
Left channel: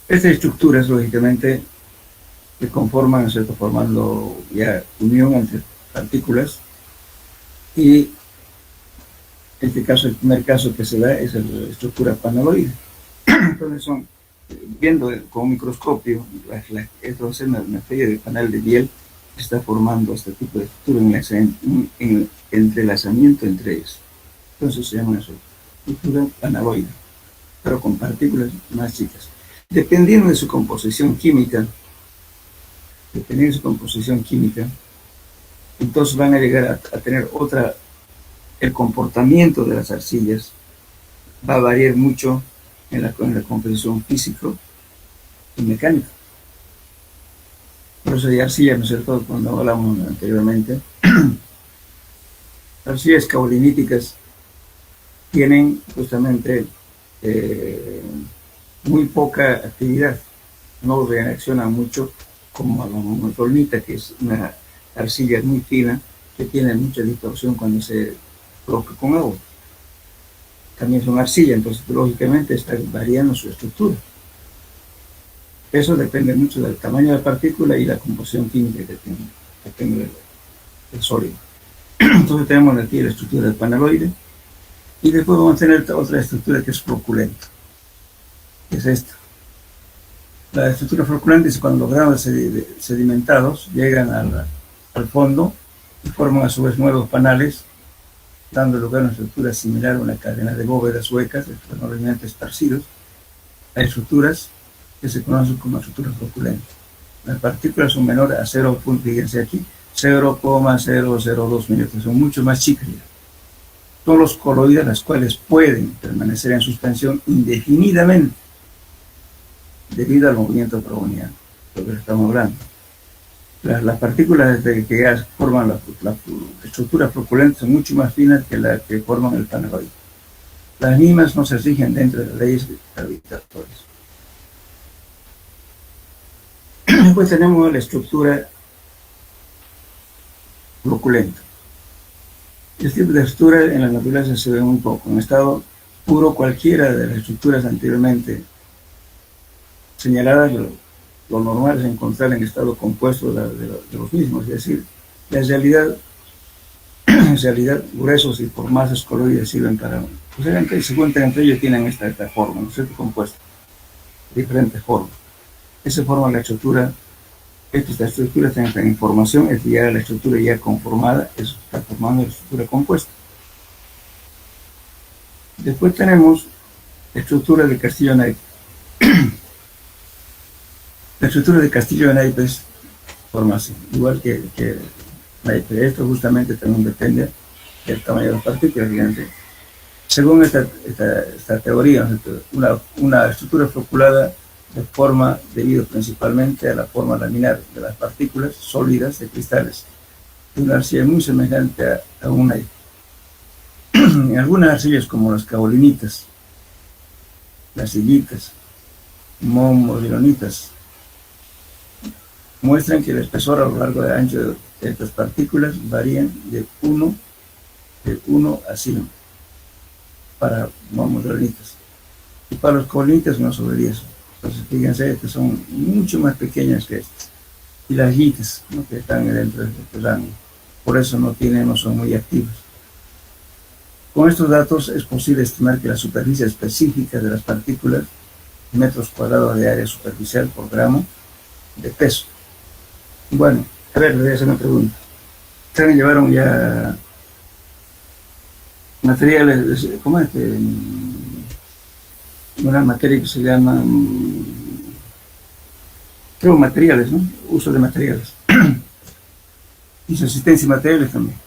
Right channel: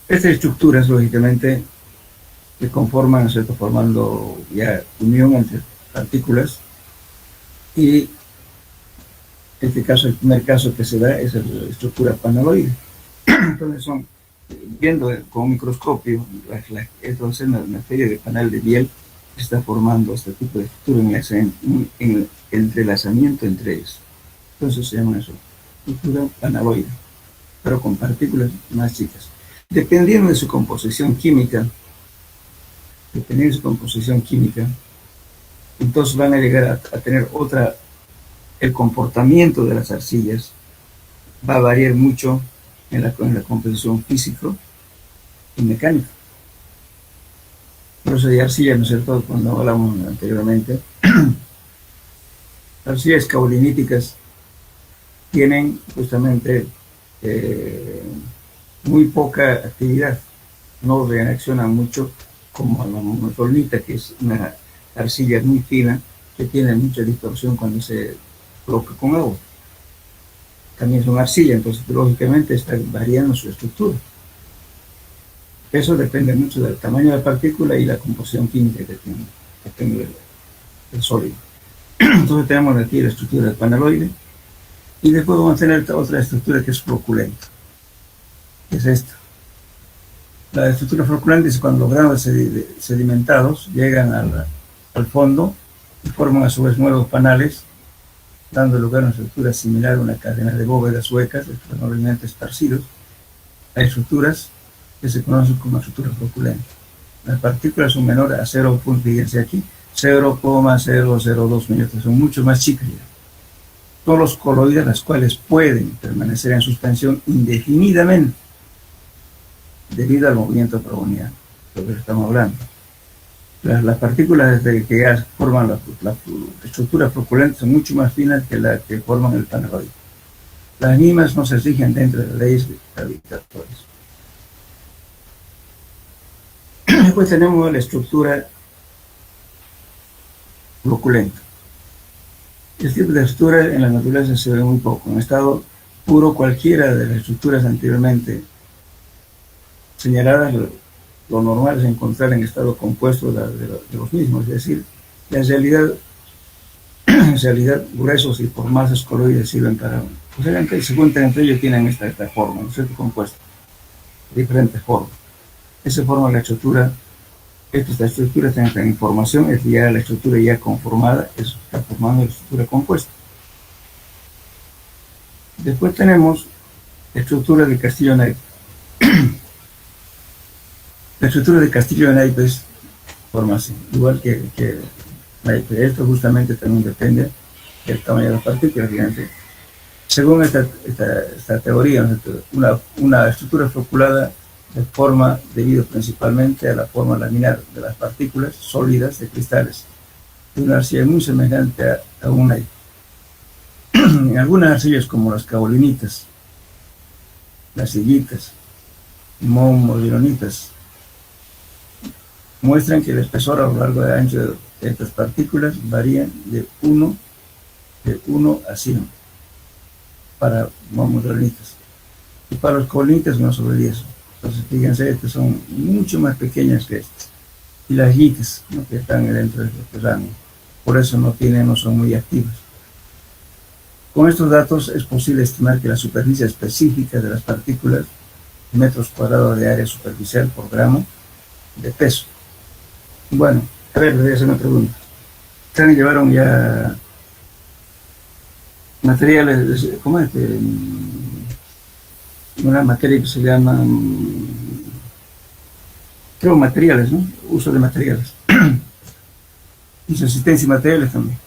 estas estructuras, lógicamente, que conforman, ¿no es cierto?, formando ya unión entre partículas, y en este caso, el primer caso que se da es la estructura panaloide. Entonces viendo con un microscopio, entonces una especie de canal de miel que está formando este tipo de estructura en entrelazamiento entre ellos. Entonces se llama eso, estructura panaloide, pero con partículas más chicas. Dependiendo de su composición química, entonces van a llegar a tener el comportamiento de las arcillas va a variar mucho en la composición físico y mecánica. Por eso de arcilla, ¿no es cierto?, cuando hablamos anteriormente, las arcillas caoliníticas tienen justamente muy poca actividad, no reaccionan mucho como la monoclorita, que es una arcilla muy fina que tiene mucha distorsión cuando se coloca con agua. También son arcilla, entonces lógicamente está variando su estructura. Eso depende mucho del tamaño de la partícula y la composición química que tiene, depende del sólido. Entonces tenemos aquí la estructura del panaloide, y después vamos a tener otra estructura que es floculenta, que es esta. La estructura floculenta es cuando los granos sedimentados llegan al fondo y forman a su vez nuevos panales, dando lugar a una estructura similar a una cadena de bóvedas huecas, enormemente esparcidos. Hay estructuras que se conocen como estructuras floculentas. Las partículas son menores a 0,002 milímetros, son mucho más chicas ya. Todos los coloides, las cuales pueden permanecer en suspensión indefinidamente debido al movimiento browniano, lo que estamos hablando. Las partículas que ya forman la estructura floculenta son mucho más finas que las que forman el panaloide. Las mismas no se rigen dentro de las leyes gravitatorias. Después tenemos la estructura floculenta. Este tipo de estructura en la naturaleza se ve muy poco. En estado puro, cualquiera de las estructuras anteriormente señaladas, lo normal es encontrar en estado compuesto de los mismos, es decir, en realidad gruesos y por masas coloides sirven para, pues se encuentran entre ellos, tienen esta forma, ¿no es cierto?, compuesta, diferentes formas. Esa forma la estructura, esta estructura tiene esta información, es ya la estructura ya conformada, eso está formando la estructura compuesta. Después tenemos la estructura de castillo-naipe. La estructura de castillo de naipes forma así, igual que naipe. Esto justamente también depende del tamaño de las partículas, fíjate. Según esta teoría, una estructura floculada de forma debido principalmente a la forma laminar de las partículas sólidas de cristales, de una arcilla muy semejante a un naipe. En algunas arcillas como las caolinitas, las sillitas, modilonitas, muestran que el espesor a lo largo del ancho de estas partículas varían de 1 a 100 para modilonitas, y para los caolinitas no sobre 10. Entonces fíjense, estas son mucho más pequeñas que estas, y las yitas, ¿no?, que están dentro de este rango, por eso no son muy activas. Con estos datos es posible estimar que la superficie específica de las partículas, metros cuadrados de área superficial por gramo de peso. Bueno, a ver, le voy a hacer una pregunta. Ustedes llevaron ya materiales, ¿cómo es? Una materia que se llama, creo, materiales, ¿no? Uso de materiales. Y subsistencia y materiales también.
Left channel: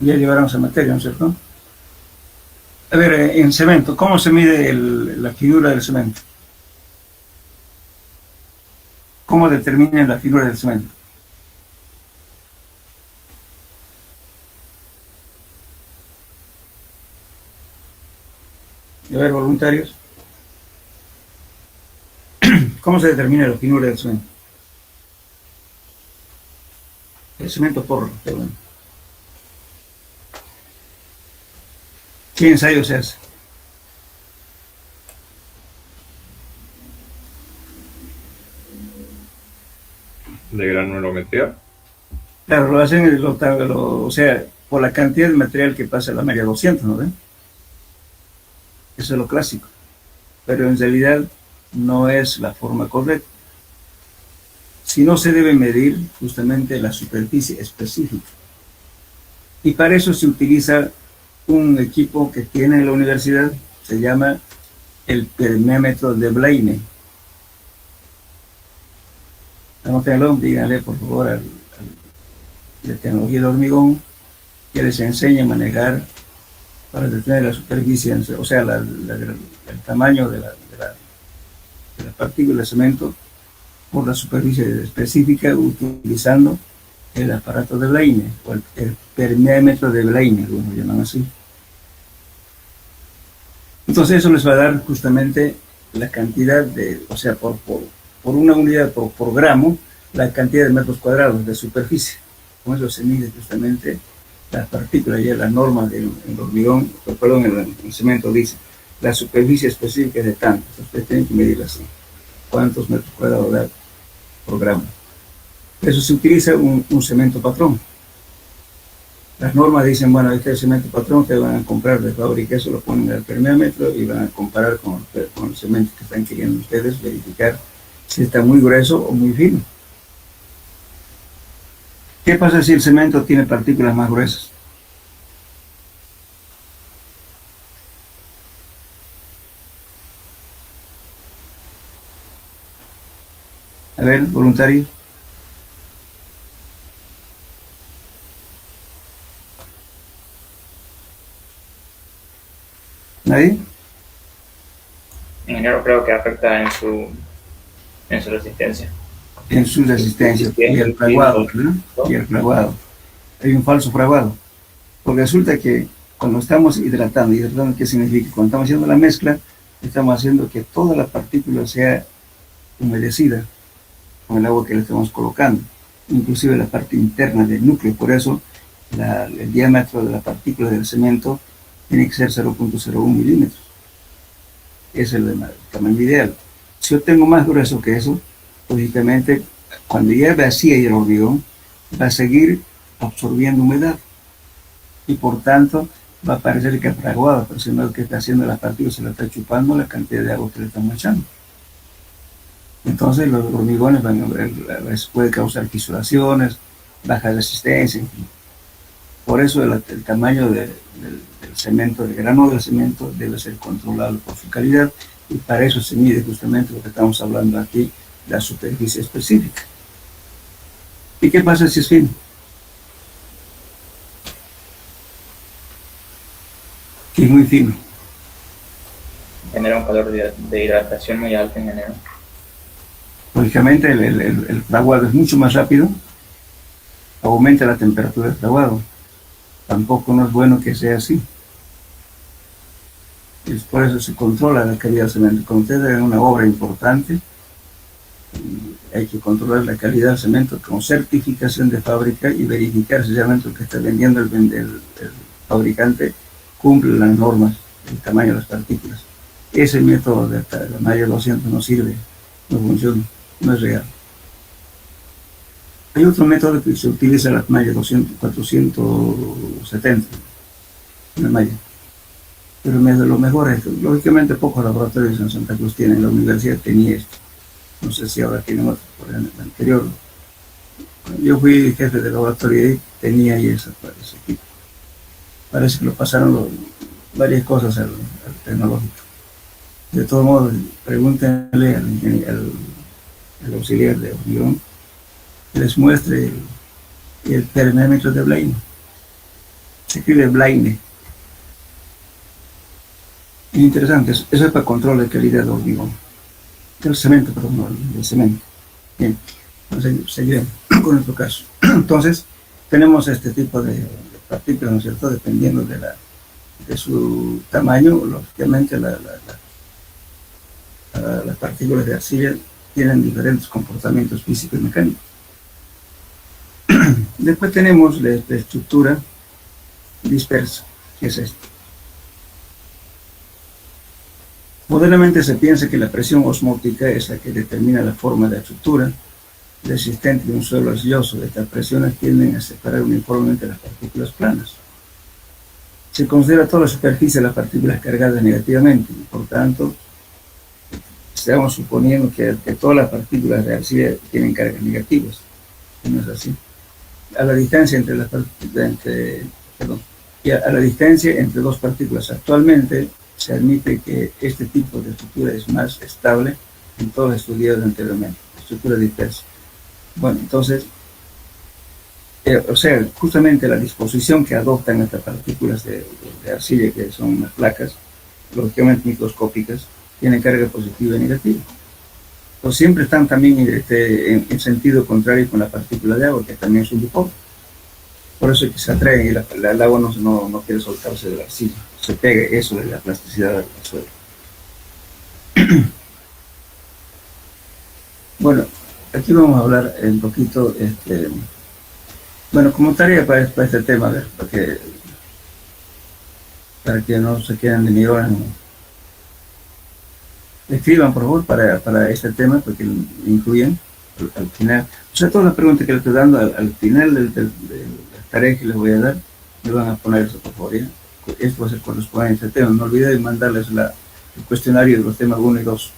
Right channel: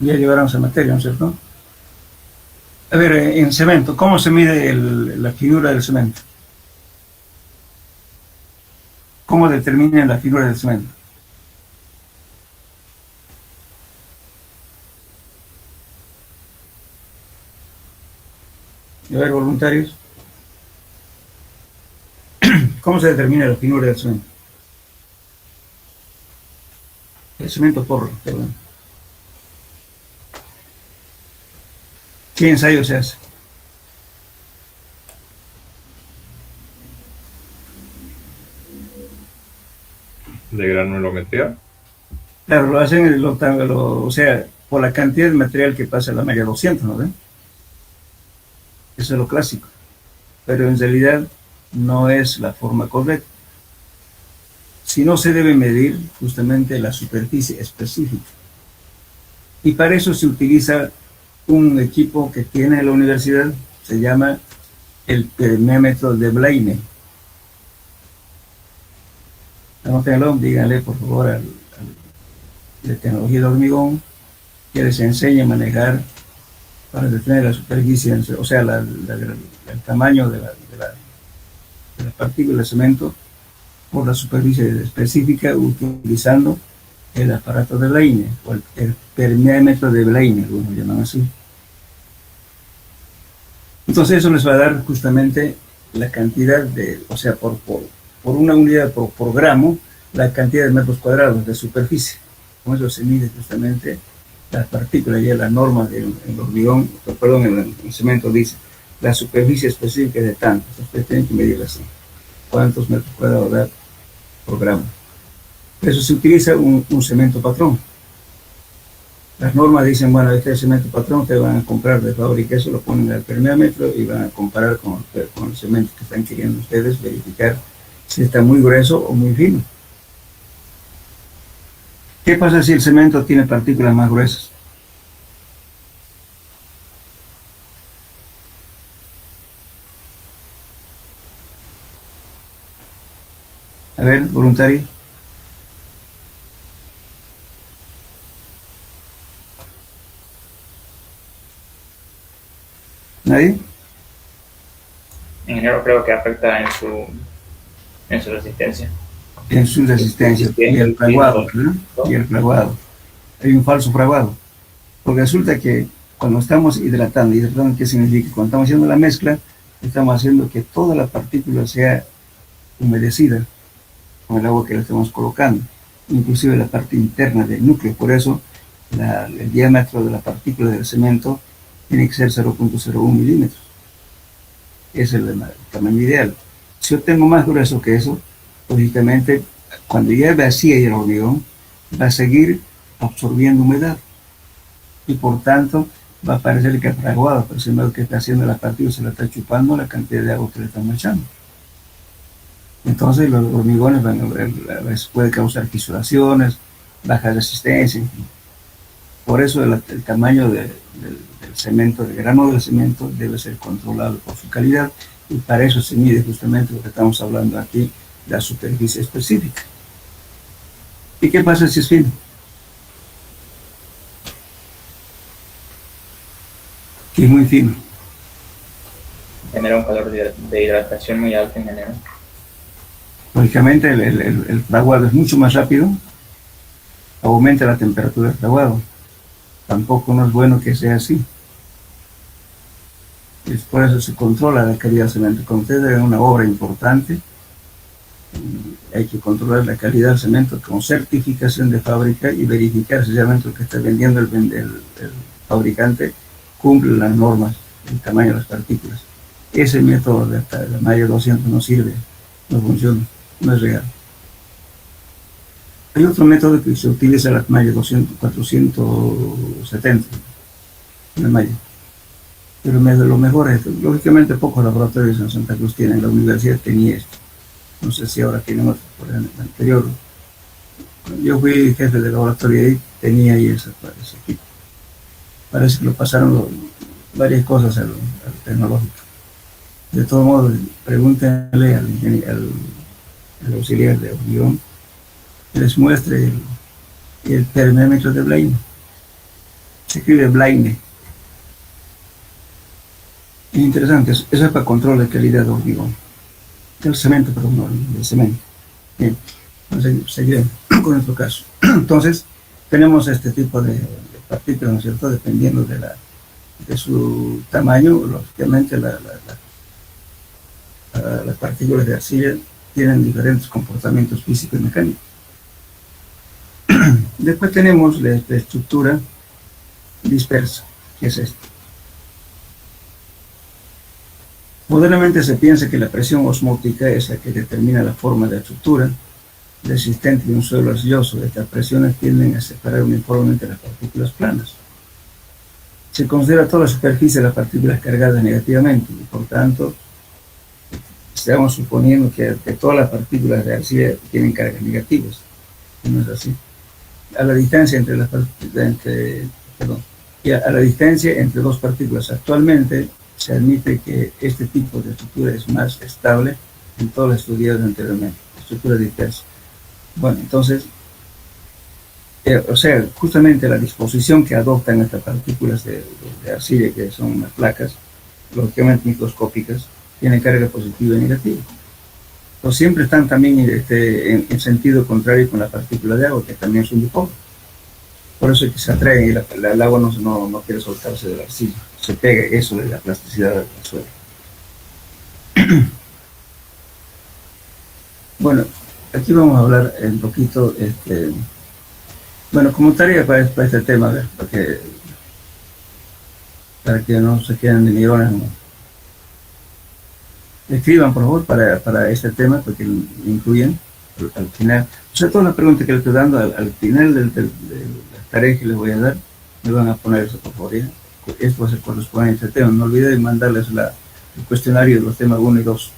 Ya llevaron esa materia, ¿no es cierto? A ver, en cemento, ¿cómo se mide la finura del cemento? ¿Cómo determinan la finura del cemento? A ver, voluntarios. ¿Cómo se determina la finura del cemento? El cemento porro, perdón. ¿Qué ensayo se hace? De granulometría. Claro, lo hacen, o sea, por la cantidad de material que pasa la malla 200, ¿no ven? Eso es lo clásico. Pero en realidad no es la forma correcta. Si no se debe medir justamente la superficie específica. Y para eso se utiliza un equipo que tiene la universidad, se llama el permémetro de Blaine. Anótenlo, díganle por favor de tecnología de hormigón, que les enseñe a manejar para detener la superficie, o sea, el tamaño de la partícula de cemento por la superficie específica utilizando el aparato de Blaine, o el permémetro de Blaine, algunos llaman así. Entonces eso les va a dar justamente la cantidad de, o sea, por una unidad por gramo, la cantidad de metros cuadrados de superficie. Con eso se mide justamente las partículas, ya la norma del hormigón, perdón, el cemento dice, la superficie específica es de tanto. Ustedes tienen que medir así, cuántos metros cuadrados da por gramo. Por eso se utiliza un cemento patrón. Las normas dicen, bueno, este cemento patrón te van a comprar de fábrica, eso lo ponen al permeámetro y van a comparar con el cemento que están queriendo ustedes, verificar si está muy grueso o muy fino. ¿Qué pasa si el cemento tiene partículas más gruesas? A ver, voluntarios. ¿Nadie? Ingeniero, creo que afecta en su resistencia. En su resistencia. Y el fraguado, ¿no? Y el fraguado. Hay un falso fraguado. Porque resulta que cuando estamos hidratando, ¿qué significa? Cuando estamos haciendo la mezcla, estamos haciendo que toda la partícula sea humedecida con el agua que le estamos colocando, inclusive la parte interna del núcleo. Por eso el diámetro de la partícula del cemento tiene que ser 0.01 milímetros. Es el tamaño ideal. Si yo tengo más grueso que eso, lógicamente, cuando ya vacía el hormigón, va a seguir absorbiendo humedad. Y por tanto, va a parecer que es fraguado, pero si no, lo que está haciendo la partícula se la está chupando la cantidad de agua que le están echando. Entonces, los hormigones a veces puede causar fisuraciones, baja resistencia. Por eso el tamaño del cemento, del grano del cemento, debe ser controlado por su calidad, y para eso se mide justamente lo que estamos hablando aquí, la superficie específica. ¿Y qué pasa si es fino? Que es muy fino. Genera un calor de hidratación muy alto, ingeniero. Lógicamente el fraguado es mucho más rápido, aumenta la temperatura del fraguado. Tampoco no es bueno que sea así. Es por eso se controla la calidad del cemento. Cuando ustedes hagan una obra importante, hay que controlar la calidad del cemento con certificación de fábrica y verificar si el cemento que está vendiendo el fabricante cumple las normas, el tamaño de las partículas. Ese método de la malla 200 no sirve, no funciona, no es real. Hay otro método que se utiliza, la malla 200, 470, la malla. Pero lo mejor es, lógicamente pocos laboratorios en Santa Cruz tienen, la universidad tenía esto. No sé si ahora tienen otro, por el anterior. Yo fui jefe de laboratorio y tenía ahí ese equipo. Parece que lo pasaron varias cosas al tecnológico. De todos modos, pregúntenle al auxiliar de hormigón que les muestre el permémetro de Blaine. Se escribe Blaine. Es interesante, eso es para control de calidad de hormigón. Del cemento, perdón, no, del cemento. Bien, entonces seguiremos con nuestro caso. Entonces, tenemos este tipo de partículas, ¿no es cierto?, dependiendo de de su tamaño, lógicamente las partículas de arcilla tienen diferentes comportamientos físicos y mecánicos. Después tenemos la estructura dispersa, que es esta. Modernamente se piensa que la presión osmótica es la que determina la forma de la estructura resistente de un suelo arcilloso. Estas presiones tienden a separar uniformemente las partículas planas. Se considera toda la superficie de las partículas cargadas negativamente y por tanto estamos suponiendo que todas las partículas de arcilla tienen cargas negativas. No es así. A la distancia entre dos partículas actualmente se admite que este tipo de estructura es más estable en todos los estudiados anteriormente, estructura dispersa. Bueno, entonces, justamente la disposición que adoptan estas partículas de arcilla, que son unas placas, lógicamente microscópicas, tienen carga positiva y negativa. Pues siempre están también en sentido contrario con la partícula de agua, que también son dipolos. Por eso es que se atraen y el agua no quiere soltarse de la arcilla. Se pega eso de la plasticidad del suelo. Bueno, aquí vamos a hablar un poquito, como tarea para este tema, a ver, para que no se queden de mirones, ¿no? Escriban, por favor, para este tema, porque lo incluyen al final. O sea, todas las preguntas que les estoy dando al final de las tareas que les voy a dar, me van a poner eso, por favor. Esto va a ser correspondiente a este tema. No olviden mandarles el cuestionario de los temas 1 y 2.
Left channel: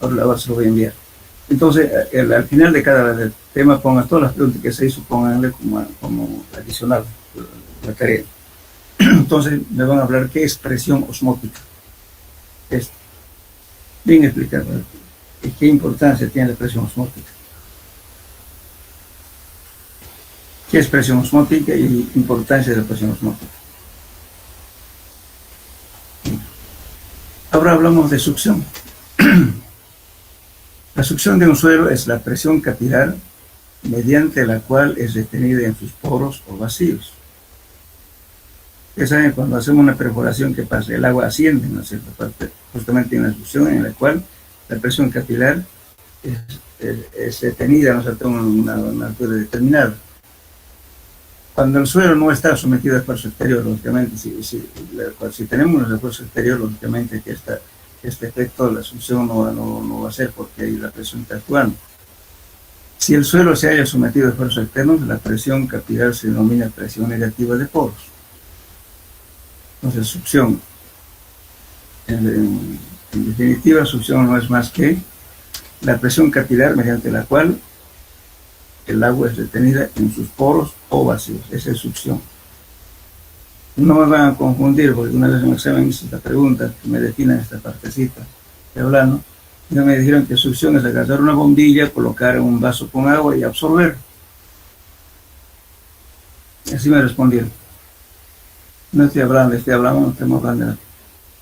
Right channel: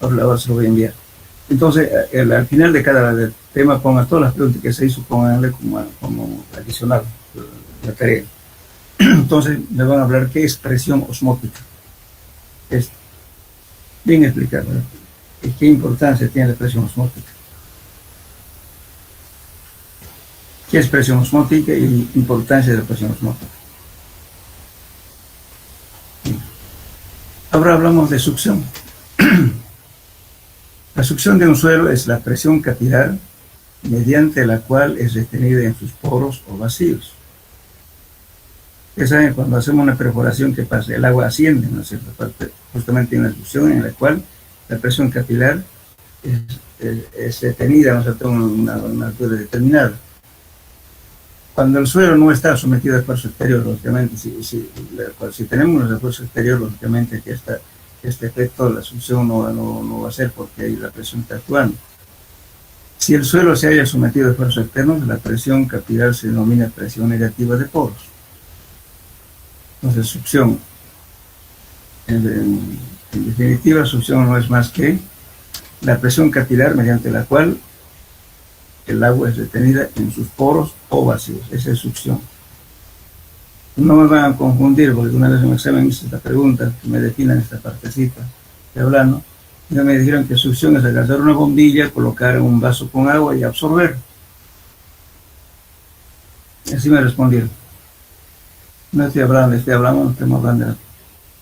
Ahora se lo voy a enviar. Entonces, al final de cada tema, pongan todas las preguntas que se hizo, pónganle como adicional la tarea. Entonces, me van a hablar qué es presión osmótica. Bien explicado, ¿verdad? ¿Y qué importancia tiene la presión osmótica? ¿Qué es presión osmótica y importancia de la presión osmótica? Ahora hablamos de succión. La succión de un suelo es la presión capilar mediante la cual es retenida en sus poros o vacíos. Ustedes saben, cuando hacemos una perforación, que pasa, el agua asciende, ¿no es cierto? Justamente en la succión en la cual la presión capilar es detenida, ¿no es cierto?, a una altura determinada. Cuando el suelo no está sometido a esfuerzo exterior, lógicamente, si tenemos un esfuerzo exterior, lógicamente que este efecto de la succión no va a ser, porque ahí la presión está actuando. Si el suelo se haya sometido a esfuerzos externos, la presión capilar se denomina presión negativa de poros. Entonces, succión, en definitiva, succión no es más que la presión capilar mediante la cual el agua es retenida en sus poros o vacíos. Esa es succión. No me van a confundir, porque una vez en un examen hice esta pregunta, que me definan esta partecita de hablando, y me dijeron que succión es agarrar una bombilla, colocar en un vaso con agua y absorber. Así me respondieron. No estoy hablando, estamos hablando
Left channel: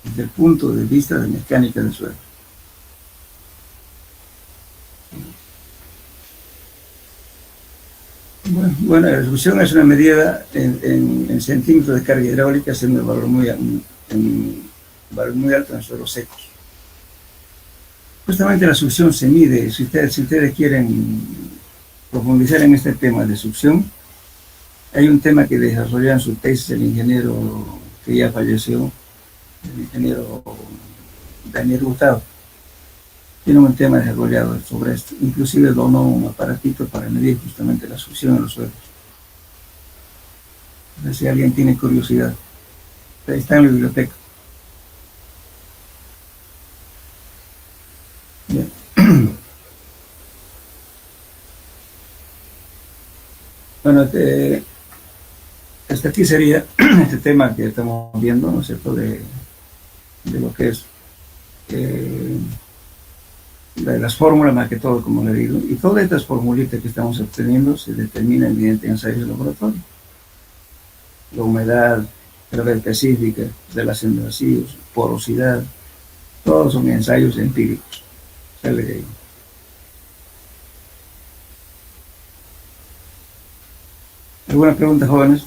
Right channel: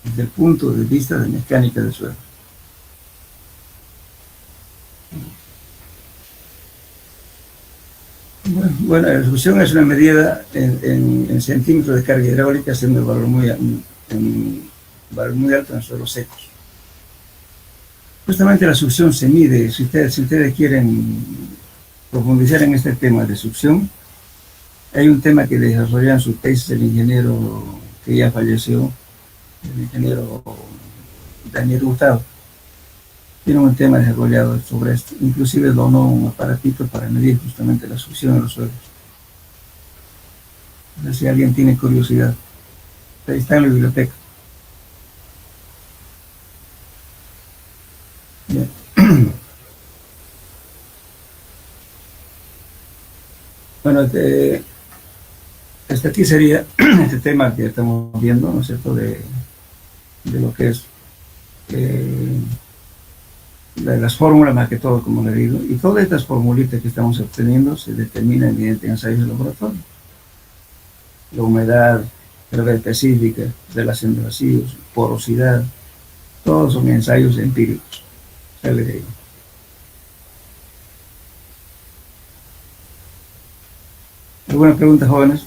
desde el punto de vista de mecánica del suelo. Bueno, la succión es una medida en centímetros de carga hidráulica, siendo el valor muy alto en suelos secos. Justamente la succión se mide. Si ustedes quieren profundizar en este tema de succión, hay un tema que desarrolló en su tesis el ingeniero que ya falleció, el ingeniero Daniel Hurtado. Tiene un tema desarrollado sobre esto. Inclusive donó un aparatito para medir justamente la succión en los suelos. Si alguien tiene curiosidad, está en la biblioteca. Bien. Bueno, hasta aquí sería este tema que estamos viendo, ¿no es cierto?, de lo que es de las fórmulas, más que todo, como le digo, y todas estas formulitas que estamos obteniendo se determinan mediante ensayos de laboratorio. La humedad, gravedad específica, relación de vacíos, porosidad, todos son ensayos empíricos. ¿Alguna pregunta, jóvenes?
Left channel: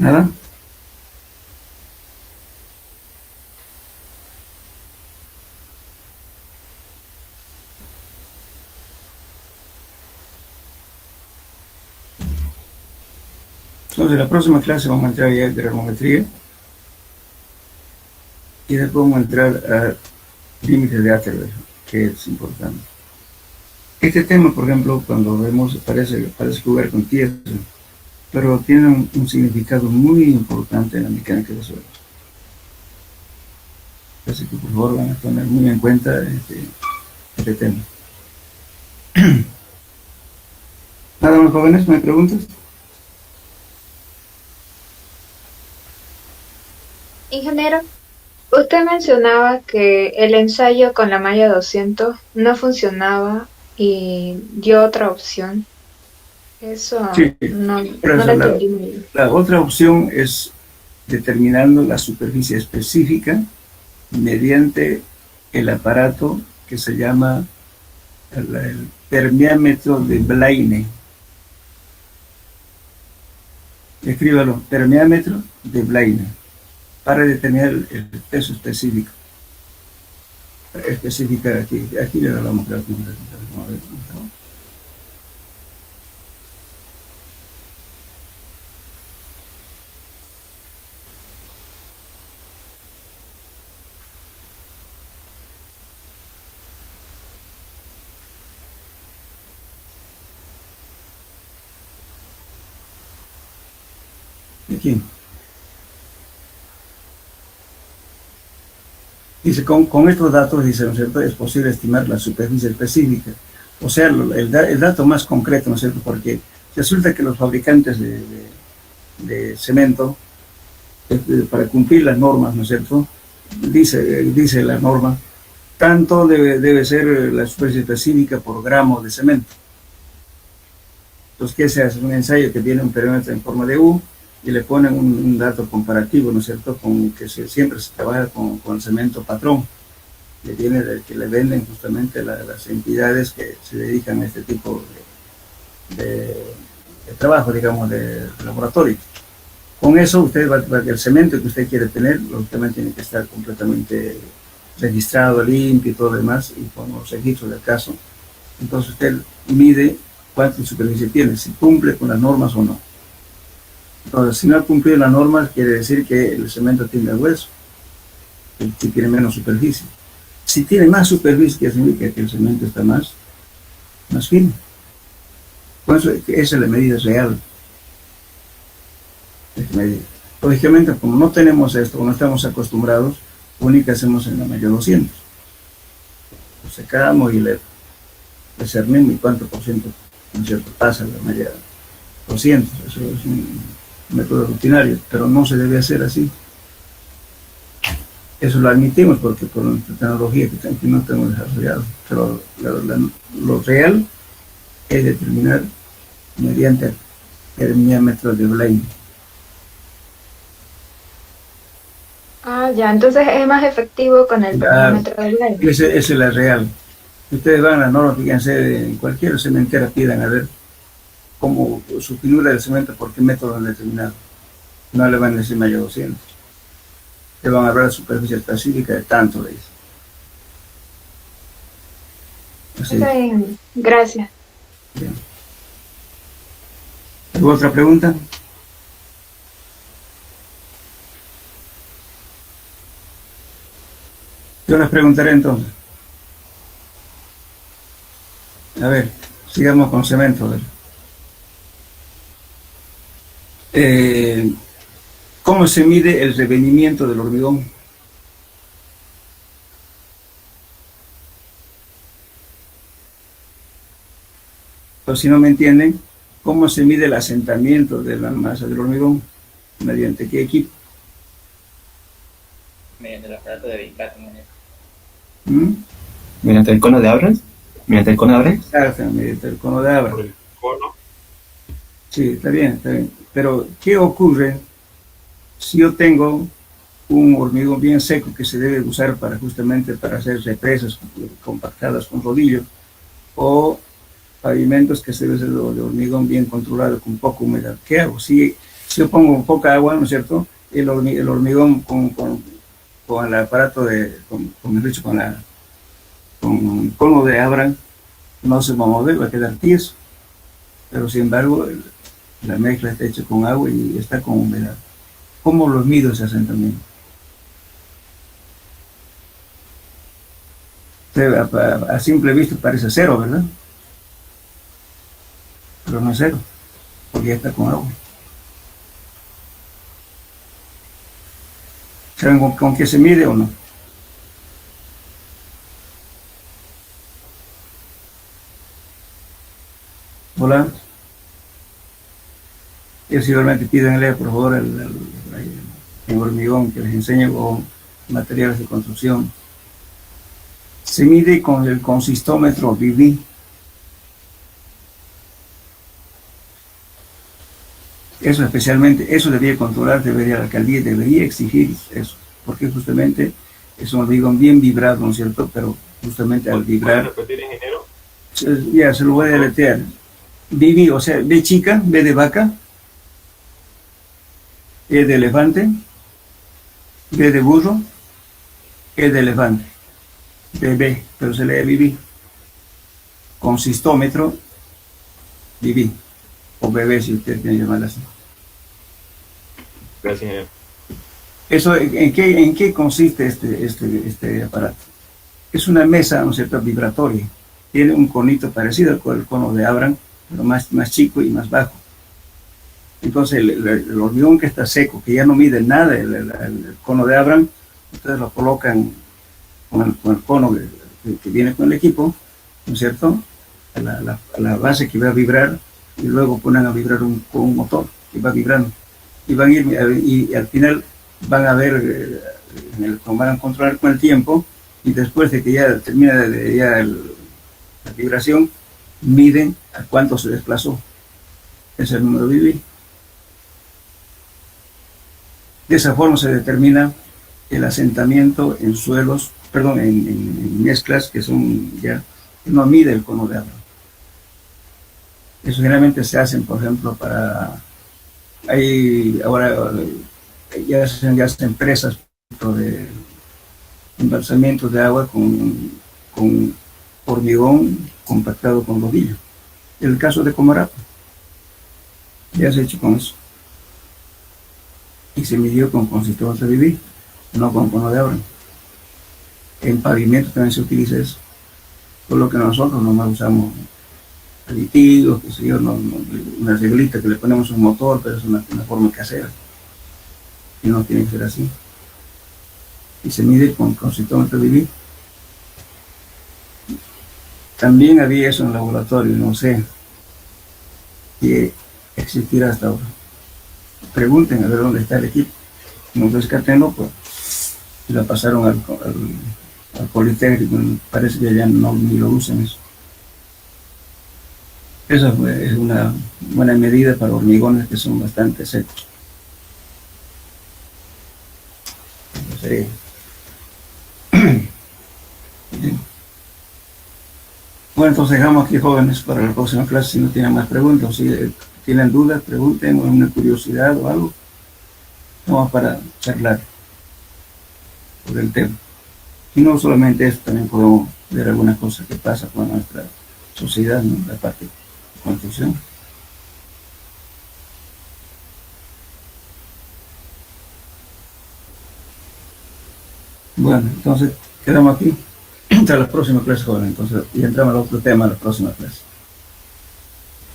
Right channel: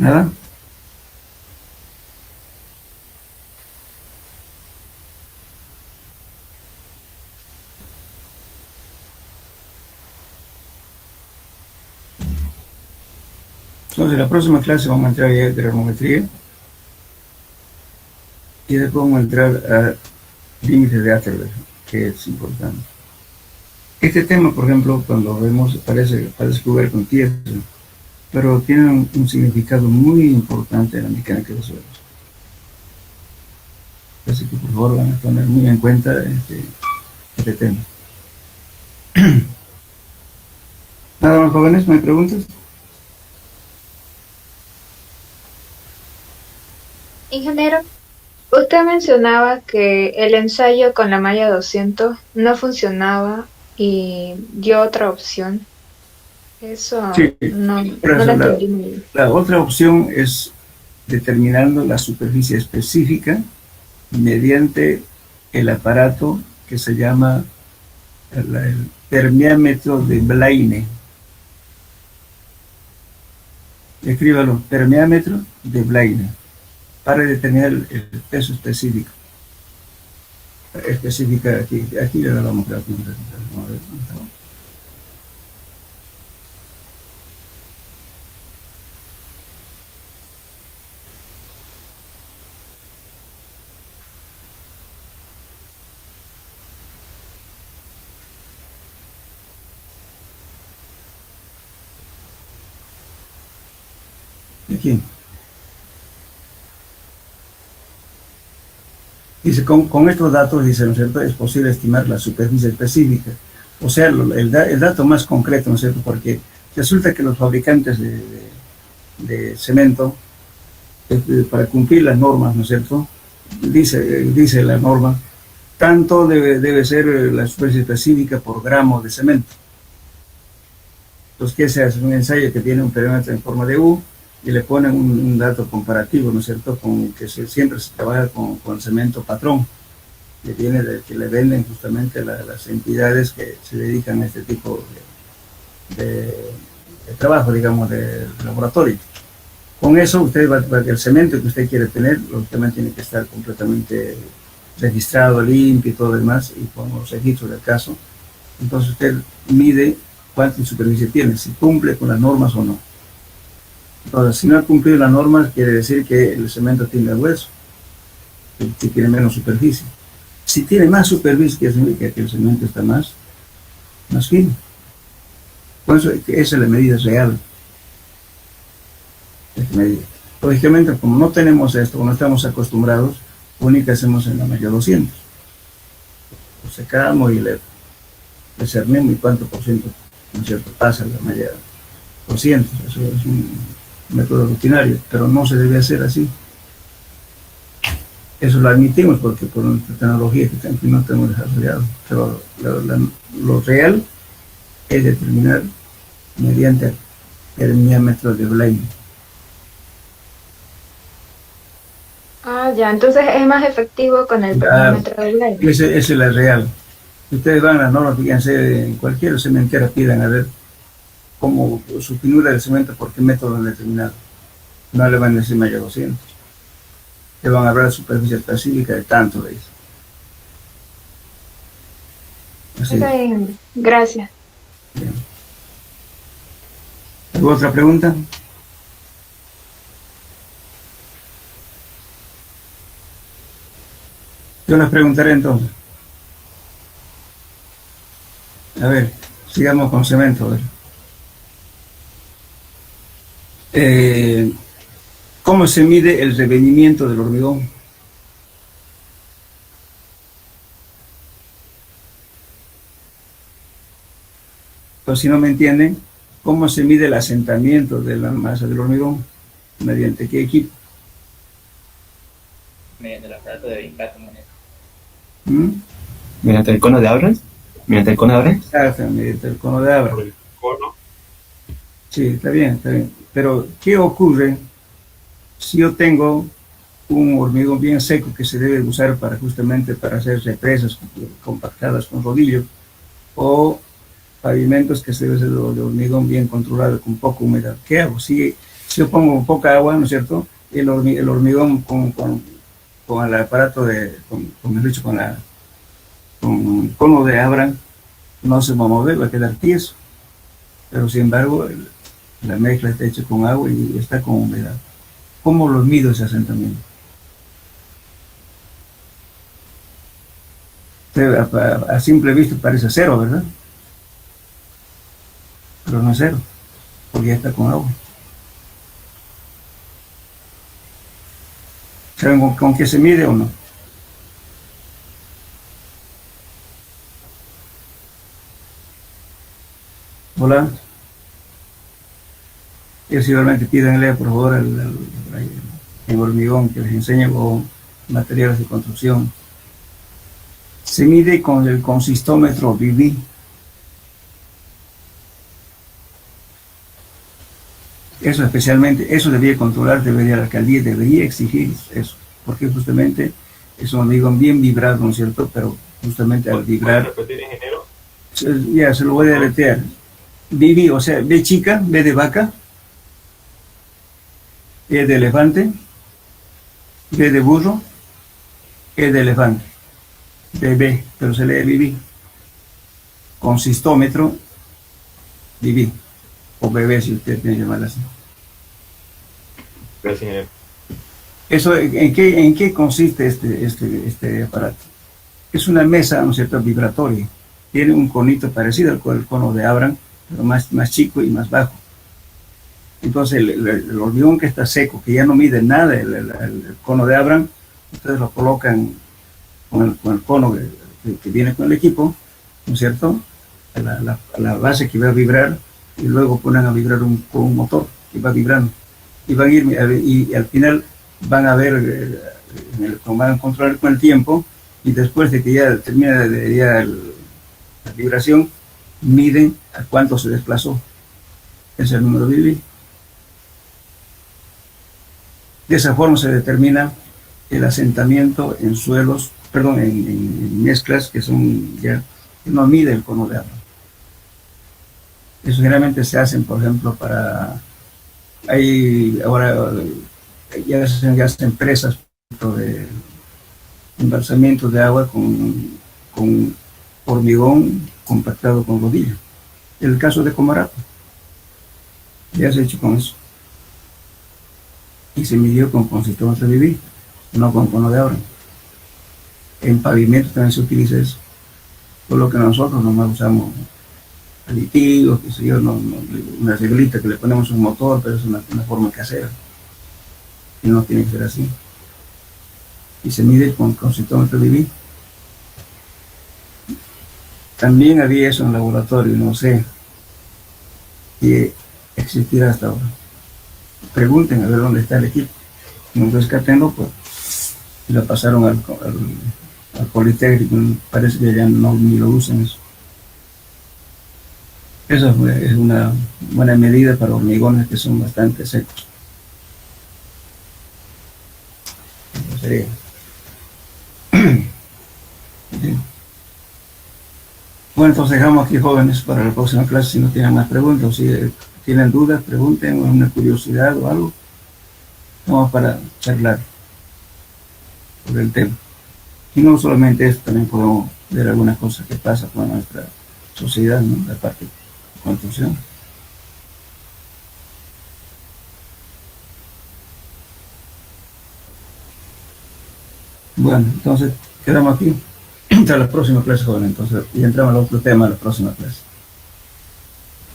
¿Nada? Entonces, la próxima clase vamos a entrar ya a granulometría y después vamos a entrar a límites de Atterberg, que es importante. Este tema, por ejemplo, cuando vemos, parece jugar con tierra, pero tiene un significado muy importante en la mecánica de suelos. Así que por favor van a tener muy en cuenta este tema. Nada más, jóvenes, ¿me preguntas? Ingeniero, usted mencionaba que el ensayo con la malla 200 no funcionaba y dio otra opción. Eso Sí, por no lo eso entendí muy bien. la otra opción es determinando la superficie específica mediante el aparato que se llama el permeámetro de Blaine. Escríbalo, permeámetro de Blaine, para determinar el peso específico. Específica aquí le damos a ver. Aquí. Dice, con estos datos, dice, ¿no es cierto?, es posible estimar la superficie específica. O sea, el dato más concreto, ¿no es cierto?, porque resulta que los fabricantes de cemento, para cumplir las normas, ¿no es cierto?, dice la norma, tanto debe ser la superficie específica por gramo de cemento. Entonces, ¿qué se hace? Un ensayo que tiene un perímetro en forma de U, y le ponen un dato comparativo, ¿no es cierto?, con que siempre se trabaja con cemento patrón, que le venden justamente las entidades que se dedican a este tipo de trabajo, digamos, de laboratorio. Con eso, usted el cemento que usted quiere tener, lógicamente tiene que estar completamente registrado, limpio y todo lo demás, y con los registros del caso. Entonces usted mide cuánta superficie tiene, si cumple con las normas o no. Entonces, si no ha cumplido las normas, quiere decir que el cemento tiene hueso, que tiene menos superficie. Si tiene más superficie, significa que el cemento está más fino. Por eso, esa es la medida real. Lógicamente, como no tenemos esto, no estamos acostumbrados, lo único que hacemos en la malla 200. Lo secamos y le cernemos y cuánto por ciento, ¿no es cierto?, pasa la malla 200. Eso es un método rutinario, pero no se debe hacer así. Eso lo admitimos porque por nuestra tecnología que no tenemos desarrollado, pero lo real es determinar mediante el permeámetro de Blaine. Ah, ya, entonces es más efectivo con el permeámetro de Blaine. Esa es la real. Si ustedes van a las normas, fíjense, en cualquier cementera pidan a ver cómo su finura del cemento, por qué método han determinado. No le van a decir mayor 200. Le van a hablar de superficie específica de tanto, le dicen. Así. Está bien, gracias. Bien. ¿Alguna otra pregunta? Yo les preguntaré entonces. A ver, sigamos con cemento. A ver. ¿Cómo se mide el revenimiento del hormigón? Entonces, si no me entienden, ¿cómo se mide el asentamiento de la masa del hormigón? ¿Mediante qué equipo? Mediante el aparato de Vincatto. ¿Mediante el cono de Abrams? ¿Mediante el cono de Abrams? Exacto, mediante el cono de Abrams. Por el cono. Sí, está bien, está bien. Pero, ¿qué ocurre si yo tengo un hormigón bien seco que se debe usar justamente para hacer represas compactadas con rodillo, o pavimentos que se debe hacer de hormigón bien controlado con poca humedad? ¿Qué hago? Si Si yo pongo poca agua, ¿no es cierto? El hormigón con el aparato con el cono de Abraham no se va a mover, va a quedar tieso. Pero sin embargo, la mezcla está hecha con agua y está con humedad. ¿Cómo lo mido ese asentamiento? A simple vista parece cero, ¿verdad? Pero no es cero, porque ya está con agua. ¿Saben con qué se mide o no? Hola. Yo simplemente pídanle, por favor, el hormigón que les enseño con materiales de construcción. Se mide con el consistómetro BB. Eso especialmente, eso debería controlar, la alcaldía debería exigir eso, porque justamente es un hormigón bien vibrado, ¿no es cierto? Pero justamente al vibrar... ¿Puedes repetir, ingeniero? Ya, se lo voy a deletrear. BB, o sea, B chica, B de vaca, E de elefante, B de burro, E de elefante, BB, pero se lee BB. Consistómetro, BB, o BB si usted quiere llamarlo así. Gracias, ingeniero. Eso, ¿en qué consiste este aparato? Es una mesa, ¿no es cierto?, vibratoria. Tiene un conito parecido al cono de Abraham, pero más chico y más bajo. Entonces el hormigón que está seco, que ya no mide nada el cono de Abraham, ustedes lo colocan con el cono que viene con el equipo, ¿no es cierto?, a la base que va a vibrar, y luego ponen a vibrar con un motor que va vibrando. Y van a ir, y al final van a ver, van a controlar con el tiempo, y después de que ya termina la vibración, miden a cuánto se desplazó. Ese es el número BB. De esa forma se determina el asentamiento en suelos, perdón, en mezclas que son ya, que no mide el cono de agua. Eso generalmente se hacen, por ejemplo, ahora ya se hacen presas de embalsamiento de agua con hormigón compactado con rodillo. En el caso de Comarapa, ya se ha hecho con eso. Y se midió con consistómetro BB, no con cono de Abraham. En pavimento también se utiliza eso. Por lo que nosotros nomás usamos aditivos, qué sé yo, una reglita que le ponemos un motor, pero es una forma casera. Y no tiene que ser así. Y se mide con consistómetro BB. También había eso en el laboratorio, no sé si existirá hasta ahora. Pregunten a ver dónde está el equipo. No rescatenlo, pues y lo pasaron al Politécnico. Parece que ya ni lo usan eso. Esa es una buena medida para hormigones que son bastante secos. Eso sería. Bien. Bueno, entonces dejamos aquí, jóvenes, para la próxima clase. Si no tienen más preguntas, si tienen dudas, pregunten, o una curiosidad o algo. Vamos para charlar sobre el tema. Y no solamente esto, también podemos ver algunas cosas que pasan con nuestra sociedad, ¿no?, la parte de construcción. Bueno, entonces quedamos aquí hasta la próxima clase, joven. Entonces, y entramos al otro tema de la próxima clase.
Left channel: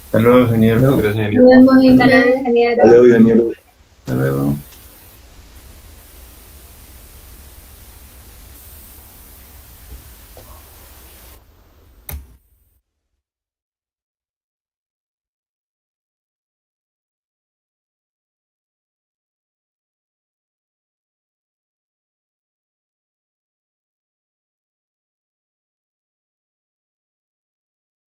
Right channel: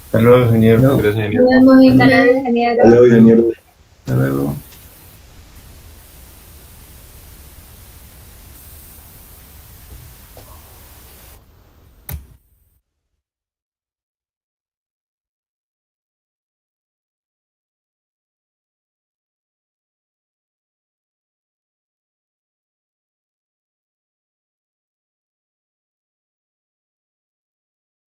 Hasta luego, ingeniero. Hasta luego. Gracias, ingeniero. Nos vemos, ingeniero. Hasta luego, ingeniero. Hasta luego.